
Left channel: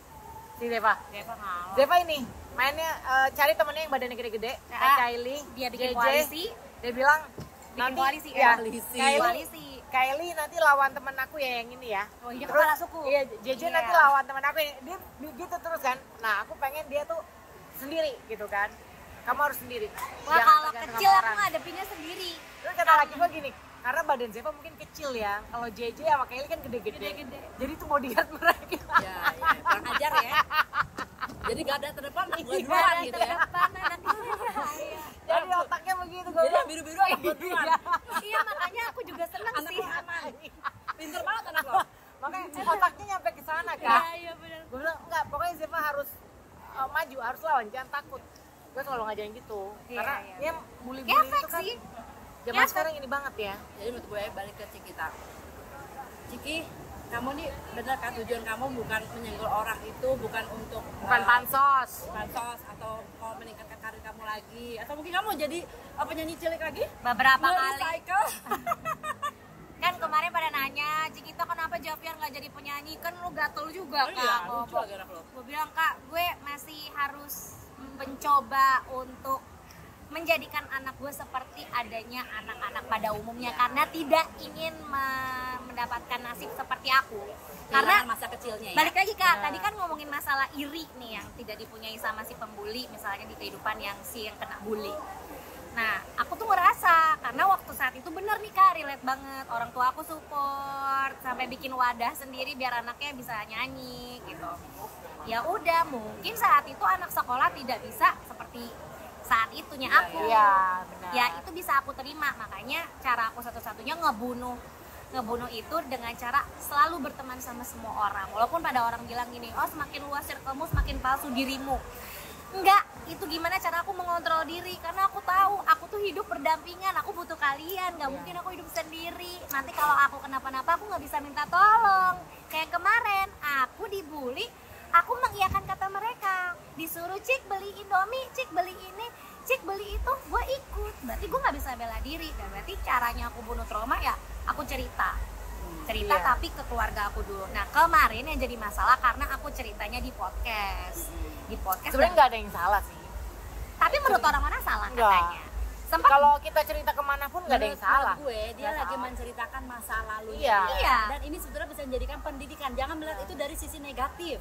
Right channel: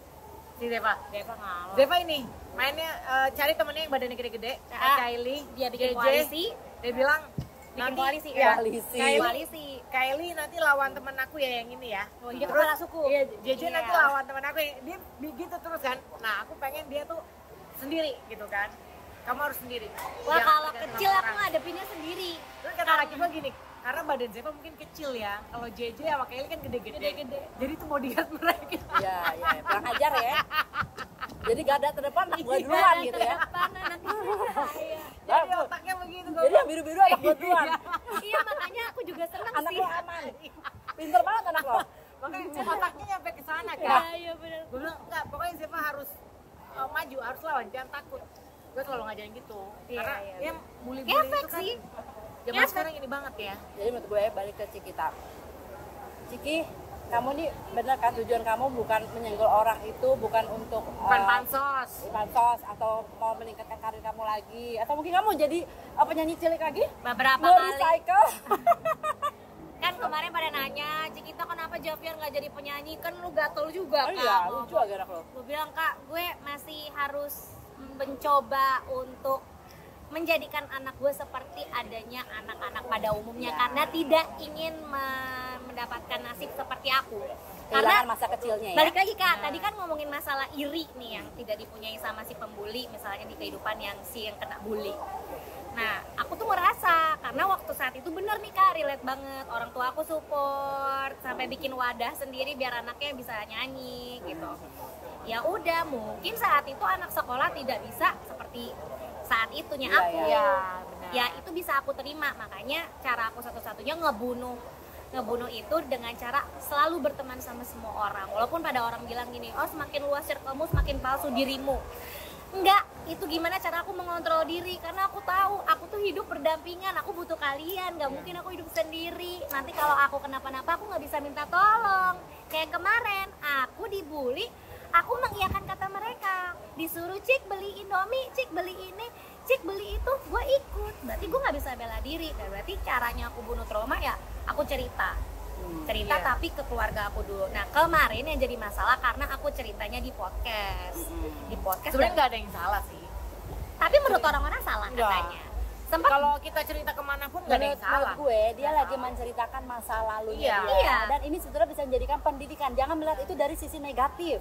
si Deva. Deva ngalah. Deva ini mainnya cari temennya yang badannya gede-gede, kayak Ah, Kylie. dia bikin JJ. koalisi. Dia bilang Bikin nanti, koalisi ya, kan? Kylie, Kylie nanti lawan temen aku ya yang ini ya. Oh, dia Terus, kepala suku. Iya, JJ Iya. nanti lawan temen aku yang dia gitu terus kan. Nah aku pengen dia tuh sendiri gitu kan. Kamu harus sendiri. Wah, Jangan kalau tergantung kecil sama aku orang. ngadepinnya sendiri. Terus kata laki gue gini, karena badan Zeva mungkin kecil ya. Kalau JJ sama Kylie kan gede-gede. Gede-gede. Jadi itu bodyguard mereka. Iya, iya, kurang ajar ya. Jadi garda terdepan anak gua Ada duluan gitu ya. depan anak iya. Jadi otaknya begitu gue Jadi bilang. yang biru-biru anak gua duluan. Iya, makanya aku juga seneng Anak sih. gua aman. Pinter banget anak gua. Makanya otaknya nyampe ke sana Iya, kan. iya benar. Gue bilang enggak, pokoknya Zeva harus maju, harus lawan, jangan takut. Gue selalu ngajarin gitu. Iya, Karena iya, ya bully-bully Ngefek itu kan sih. zaman Ngefek. sekarang ini banget ya. Jadi menurut gue balik ke Cikita. Ciki, kamu nih bener kan tujuan kamu bukan menyenggol orang itu, bukan untuk Bukan pansos. pansos atau mau meningkatkan karir kamu lagi, atau mungkin kamu jadi penyanyi cilik lagi? Beberapa Mau kali. recycle? Kan kemarin pada nanya, Cikita kenapa Javian nggak jadi penyanyi? Kan lu gatel juga, Oh Kak. iya, ngomong. lucu aja anak lo. Gue bilang, Kak, gue masih harus mencoba untuk menjadikan anak gue seperti adanya anak-anak pada umumnya, karena tidak ingin mendapatkan nasib seperti aku. Karena Kehilangan masa kecilnya ya. balik lagi Kak, tadi kan ngomongin masalah iri nih yang tidak dipunyai sama si pembuli, misalnya di kehidupan yang kena bully. Nah, aku tuh ngerasa karena waktu saat itu bener nih Kak, relate banget. Orang tua aku support sampai bikin wadah sendiri biar anaknya bisa nyanyi gitu. Ya udah, mungkin saat itu anak sekolah tidak bisa seperti saat itunya aku. Iya, benar. Ya itu bisa aku terima, makanya cara aku satu-satunya ngebunuh itu dengan cara selalu berteman sama semua orang. Walaupun pada orang bilang gini, oh semakin luas circlemu semakin palsu dirimu. Enggak, itu gimana cara aku mengontrol diri, karena aku tahu aku tuh hidup berdampingan, aku butuh kalian, nggak mungkin aku hidup sendiri. Nanti kalau aku kenapa-napa aku nggak bisa minta tolong. Kayak kemarin aku dibully, aku mengiyakan kata mereka, disuruh Cik beli Indomie, Cik beli ini, Cik beli itu, gue ikut. Berarti gue nggak bisa bela diri. Dan berarti caranya aku bunuh trauma ya aku cerita Iya. tapi ke keluarga aku dulu. Nah kemarin yang jadi masalah karena aku ceritanya di podcast, Sebenarnya nggak ada yang salah sih. tapi menurut orang-orang salah Enggak. katanya. Sempat Kalau kita cerita kemanapun nggak ada yang salah. Menurut gue dia Nggak lagi salah. menceritakan masa lalunya Iya. dia. Iya. Dan ini sebenarnya bisa menjadikan pendidikan, jangan melihat itu dari sisi negatif.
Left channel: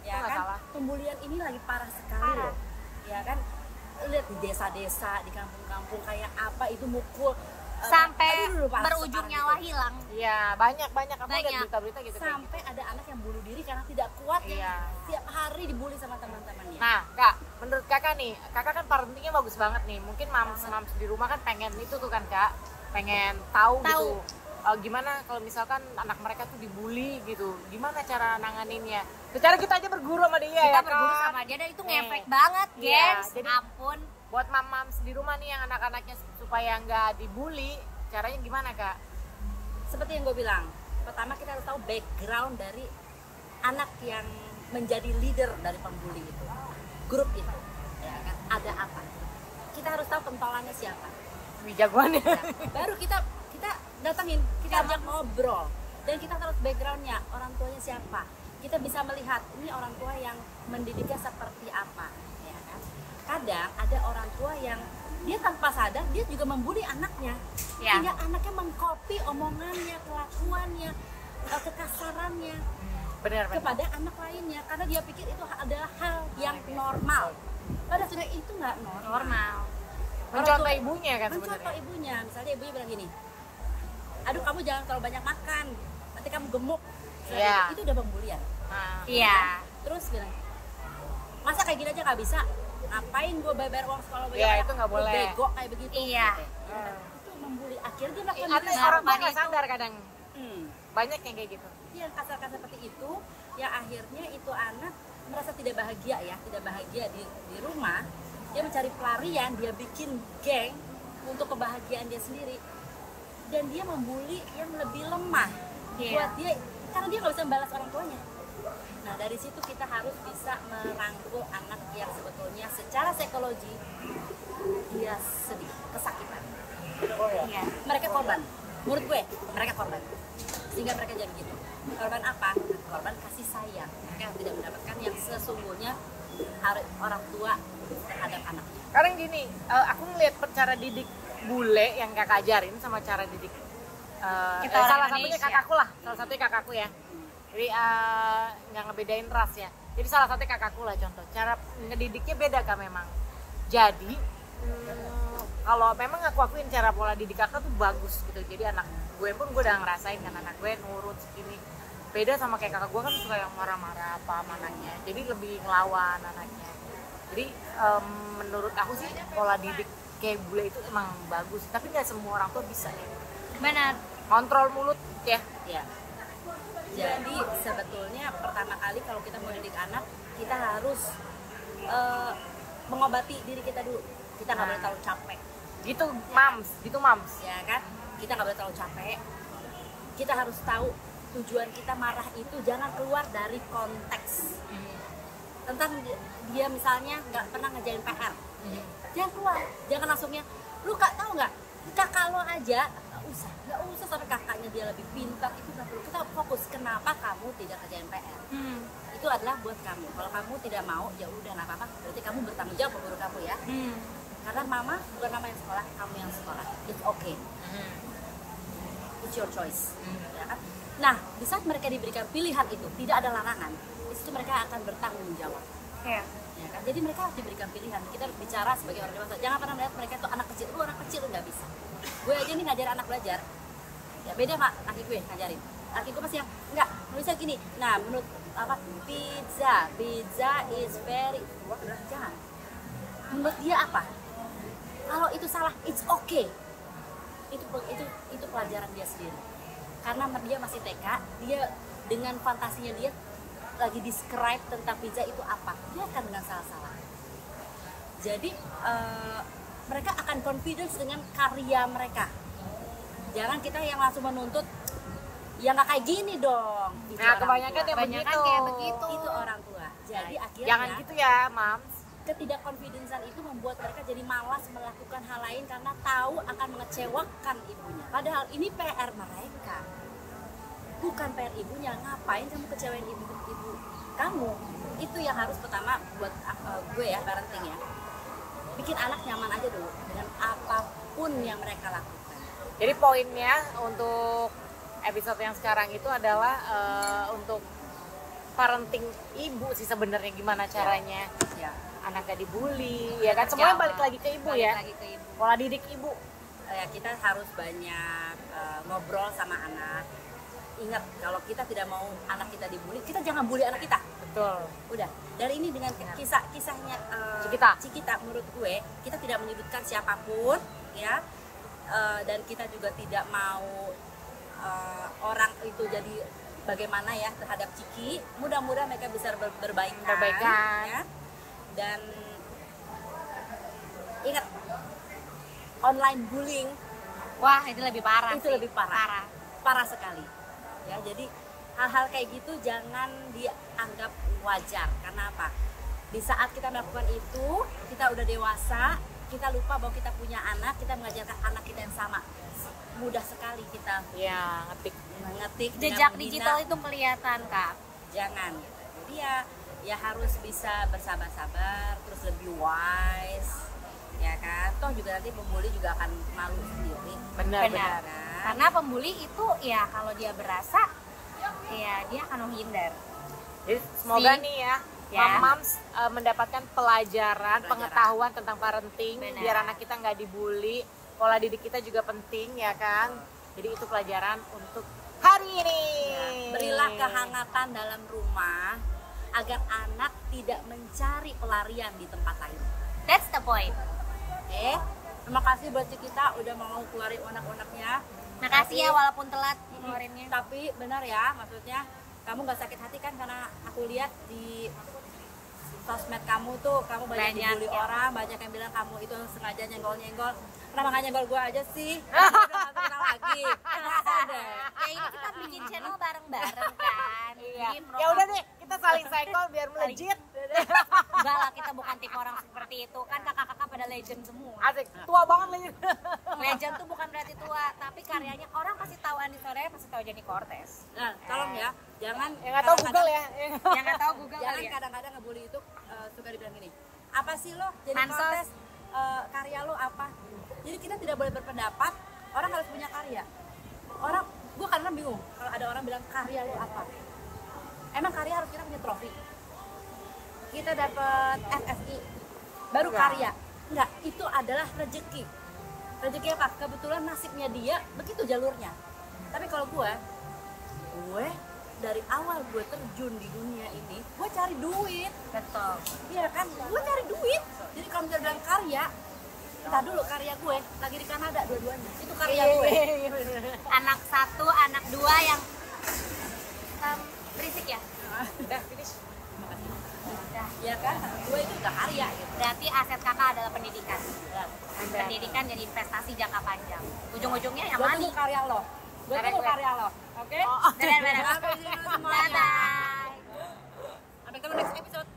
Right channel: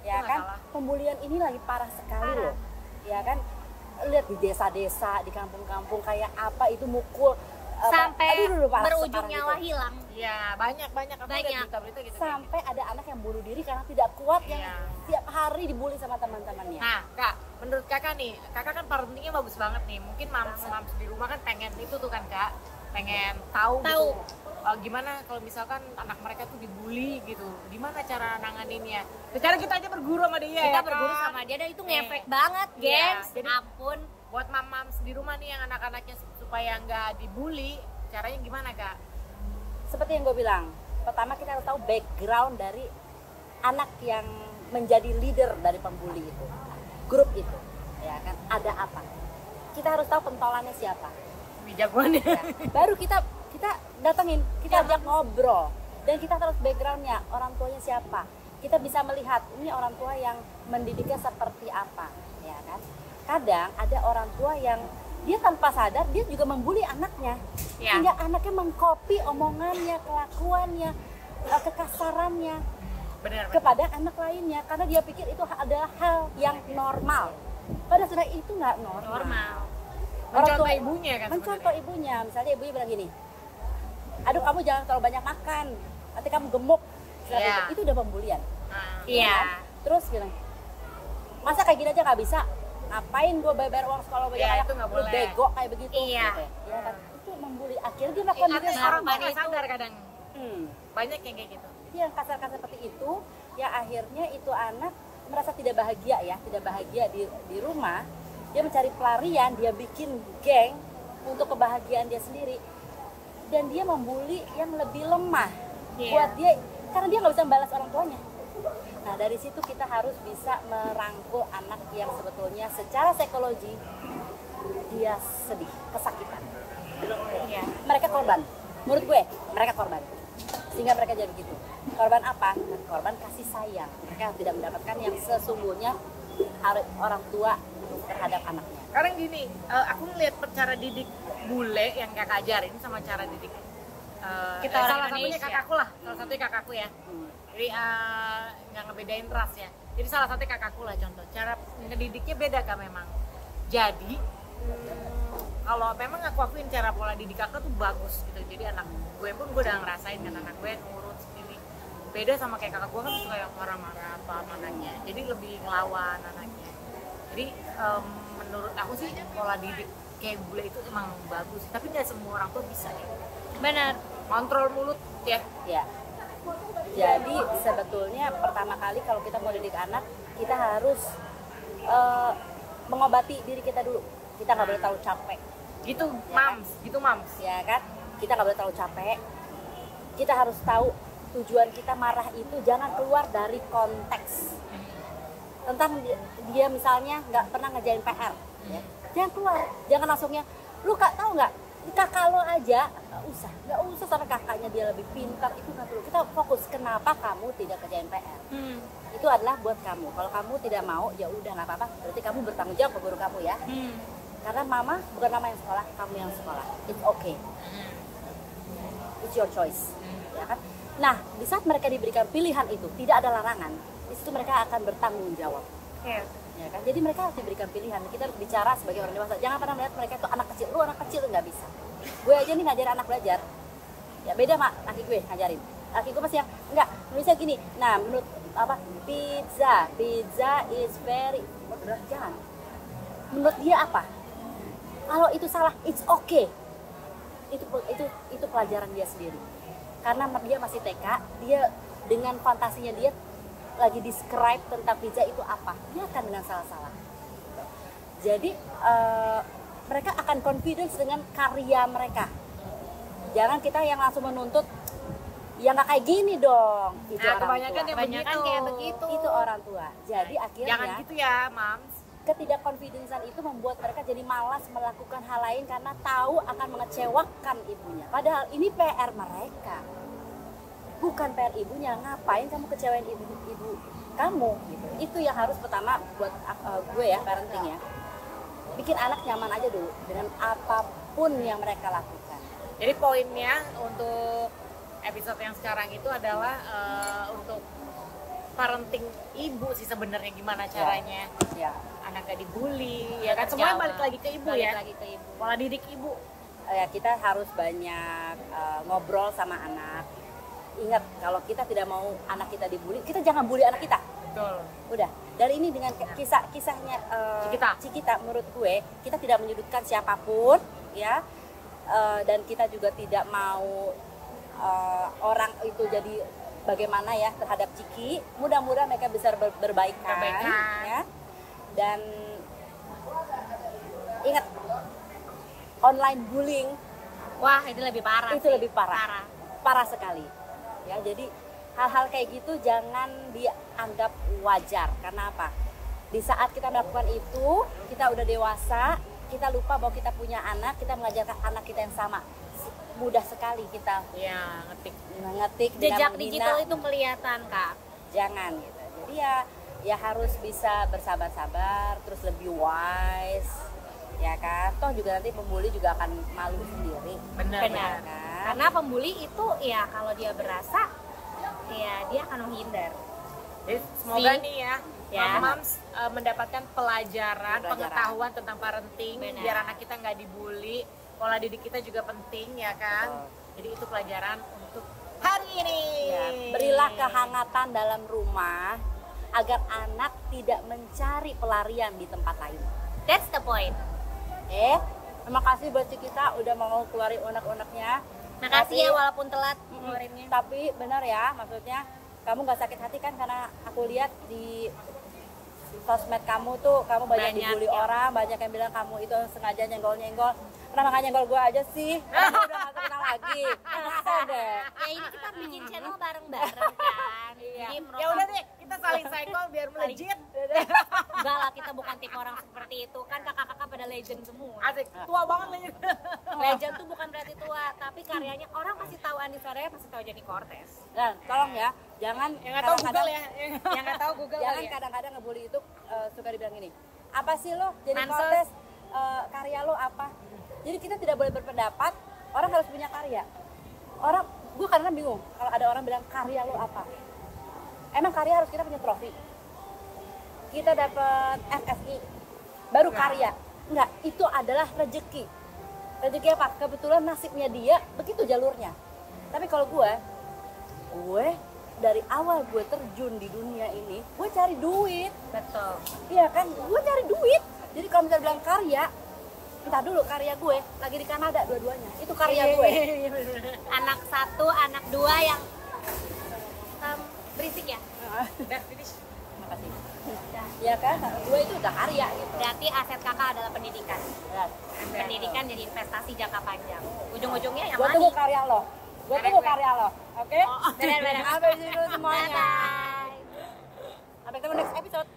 Ya nggak kan, salah. pembulian ini lagi parah sekali loh. Ya kan, lihat di desa-desa, di kampung-kampung kayak apa itu mukul sampai aduh, parah berujung sekarang nyawa gitu. hilang. Iya, banyak aku Banyak. lihat berita-berita gitu. kayak Sampai ada anak yang bunuh diri karena tidak kuat Iya. ya. Tiap hari dibully sama teman-temannya. Nah, Kak, menurut Kakak nih, Kakak kan parentingnya bagus banget nih. Mungkin mams di rumah kan pengen itu tuh kan, Kak. Pengen tahu gitu. Gimana kalau misalkan anak mereka tuh dibully gitu. Gimana cara nanganinnya? Secara kita aja berguru sama dia Kita ya, berguru kan? sama dia dan itu ngefek banget, Iya, gengs. jadi- Ampun. Buat mams di rumah nih yang anak-anaknya supaya nggak dibully, caranya gimana, Kak? Seperti yang gue bilang, pertama kita harus tahu background dari anak yang menjadi leader dari pembuli itu, grup itu, ya kan, ada apa? Kita harus tahu pentolannya siapa. Ini jagoannya. Ya. Baru kita datengin, kita ajak ngobrol, dan kita harus backgroundnya, orang tuanya siapa. Kita bisa melihat ini orang tua yang mendidiknya seperti apa, ya kan? Kadang ada orang tua yang dia tanpa sadar dia juga membuli anaknya, Ya. sehingga anaknya mengcopy omongannya, kelakuannya, kekasarannya Benar. kepada anak lainnya karena dia pikir itu adalah hal yang normal. Padahal sudah itu nggak Normal. Mencontoh Orang tua- ibunya kan Mencontoh sebenarnya. ibunya, misalnya ibunya bilang gini, aduh kamu jangan terlalu banyak makan, nanti kamu gemuk. Iya. Itu udah pembulian. Nah, Iya. Terus bilang, masa kayak gini aja nggak bisa? Ngapain gue bayar uang sekolah banyak? Iya, itu nggak Lu boleh. bego kayak begitu. Iya. Gitu. Ya kan? Itu membuli. Akhirnya dia melakukan Atau itu. orang tua Harapan nggak itu- sadar kadang. Hmm. Banyak yang kayak gitu. Yang kasar-kasar seperti itu, yang akhirnya itu anak merasa tidak bahagia ya, tidak bahagia di rumah, dia mencari pelarian, dia bikin geng untuk kebahagiaan dia sendiri, dan dia membuli yang lebih lemah buat dia, karena dia nggak bisa membalas orang tuanya. Nah dari situ kita harus bisa merangkul anak yang sebetulnya secara psikologi dia sedih, kesakitan. Mereka korban, menurut gue mereka korban, sehingga mereka jadi gitu. Korban apa? Korban kasih sayang. Mereka tidak mendapatkan yang sesungguhnya orang tua terhadap anaknya. Sekarang gini, aku ngeliat cara didik bule yang kakak ajarin sama cara didik Kita orang salah Indonesia. satunya kakakku lah, salah satunya kakakku ya. Jadi nggak ngebedain ras ya. Jadi salah satunya kakakku lah contoh. Cara ngedidiknya beda kan memang. Jadi kalau memang aku akuin cara pola didik kakak tuh bagus gitu. Jadi anak gue pun gue udah ngerasain kan, anak gue nurut segini. Beda sama kayak kakak gue kan suka yang marah-marah apa anaknya. Jadi lebih ngelawan anaknya. Jadi menurut aku sih pola didik kayak bule itu emang bagus. Tapi nggak semua orang tua bisa ya. Benar. Kontrol mulut ya. Ya. Jadi sebetulnya pertama kali kalau kita mau didik anak, kita harus mengobati diri kita dulu. Kita nggak boleh tahu capek, Gitu mams. ya kan? Kita nggak boleh tahu capek. Kita harus tahu tujuan kita marah itu jangan keluar dari konteks. Tentang dia misalnya nggak pernah ngerjain PR, ya. Jangan keluar, jangan langsungnya, lu kak tahu nggak? Kakak lo aja nggak usah sama kakaknya dia lebih pintar, itu nggak perlu. Kita fokus kenapa kamu tidak kerjain PR. Itu adalah buat kamu. Kalau kamu tidak mau ya udah nggak apa-apa, berarti kamu bertanggung jawab ke guru kamu ya. Karena mama bukan mama yang sekolah, kamu yang sekolah. It's okay, it's your choice, ya kan? Nah di saat mereka diberikan pilihan itu tidak ada larangan, itu mereka akan bertanggung jawab. Ya kan? Jadi mereka harus diberikan pilihan. Kita harus bicara sebagai orang dewasa. Jangan pernah melihat mereka itu anak kecil. Lu anak kecil nggak bisa. Gue aja nih ngajarin anak belajar. Ya beda mak laki gue ngajarin. Laki gue masih yang enggak bisa gini. Nah menurut apa? Pizza is very jangan. Menurut dia apa? Kalau itu salah, it's okay. Itu pelajaran dia sendiri. Karena dia masih TK, dia dengan fantasinya dia lagi describe tentang pizza itu apa, dia akan dengan salah-salah. Jadi mereka akan confidence dengan karya mereka. Jangan kita yang langsung menuntut, ya nggak kayak gini dong. Itu Nah kebanyakan yang Kebanyakan begitu. kayak begitu. itu orang tua. Jadi akhirnya Jangan gitu ya mams. ketidakkonfidensan itu membuat mereka jadi malas melakukan hal lain karena tahu akan mengecewakan ibunya. Padahal ini PR mereka, bukan PR ibunya. Ngapain kamu kecewain ibu kamu? Itu yang harus pertama buat gue ya, parenting ya. Bikin anak nyaman aja dulu dengan apapun yang mereka lakukan. Jadi poinnya untuk episode yang sekarang itu adalah untuk parenting ibu sih sebenarnya gimana caranya. Ya. Anak gak dibully, ya kan semuanya balik lagi ke ibu ya. Lagi ke ibu. Pola didik ibu. Ya kita harus banyak ngobrol sama anak. Ingat kalau kita tidak mau anak kita dibully, kita jangan bully anak kita. Betul. Udah. Dari ini dengan kisahnya Cikita, menurut gue kita tidak menyudutkan siapapun ya, dan kita juga tidak mau orang itu jadi bagaimana ya terhadap Ciki. Mudah-mudahan mereka bisa berbaikan. Ya. Dan ingat, online bullying Wah, itu lebih parah. itu sih. lebih parah sekali ya. Jadi hal-hal kayak gitu jangan dianggap wajar. Karena apa? Di saat kita melakukan itu, kita udah dewasa, kita lupa bahwa kita punya anak, kita mengajarkan anak kita yang sama. Mudah sekali kita Ya ngetik. Jejak dengan digital menghina. itu kelihatan, Kak. Jangan. Jadi ya harus bisa bersabar-sabar, terus lebih wise, ya kan? Toh juga nanti pembuli juga akan malu sendiri. Benar. Benar. Karena pembuli itu ya kalau dia berasa ya dia akan menghindar. Jadi semoga Si- nih ya, ya. mams mendapatkan pelajaran, pengetahuan tentang parenting. Benar. Biar anak kita nggak dibully. Pola didik kita juga penting ya kan. Jadi itu pelajaran untuk hari ini. Ya, berilah kehangatan dalam rumah agar anak tidak mencari pelarian di tempat lain. That's the point. Oke, terima kasih buat kita udah mau keluarin unek-uneknya. Makasih ya walaupun telat ngeluarinnya. Tapi benar ya, maksudnya kamu nggak sakit hati kan? Karena aku lihat di sosmed kamu tuh kamu banyak Banyak dibully ya. orang, banyak yang bilang kamu itu sengaja nyenggol-nyenggol. Kenapa nggak nyenggol gue aja sih? Udah nggak kenal lagi. Masa deh. Ya ini kita bikin channel bareng-bareng kan. Jadi Ya udah deh, kita saling cycle biar melejit. enggak lah, kita bukan tipe orang seperti itu. Kan kakak-kakak pada legend semua. Asik, tua banget legit. Legend tuh bukan berarti tua, tapi karyanya orang pasti tahu Andi Soraya, pasti tahu Jenny Cortez. Nah, tolong ya, jangan Yang nggak tahu Google ya. Yang nggak tahu Google Jangan kali ya. kadang-kadang ngebully itu suka dibilang gini. Apa sih lo? Jadi Pansos. protes karya lo apa? Jadi kita tidak boleh berpendapat. Orang harus punya karya. Orang, gue karena bingung kalau ada orang bilang karya lo apa? Emang karya harus kita punya trofi? Kita dapat FSI baru Enggak. karya? Enggak, itu adalah rezeki. Rezeki apa? Kebetulan nasibnya dia begitu jalurnya. Tapi kalau gue dari awal gue terjun di dunia ini, gue cari duit. Betul. Iya kan, gue cari duit. Jadi kalau misalnya bilang karya, entah dulu karya gue lagi di Kanada dua-duanya. Itu karya gue. Anak satu, anak dua yang berisik ya. Udah finish. Udah. Iya kan, gue itu udah karya gitu. Berarti aset kakak adalah pendidikan. Ya. Pendidikan jadi investasi jangka panjang. Ujung-ujungnya yang Gue money. tunggu karya lo. Gue Karya tunggu gue. karya lo. Oke? Benar-benar. Sampai di semuanya. Bye-bye. Sampai ketemu next episode.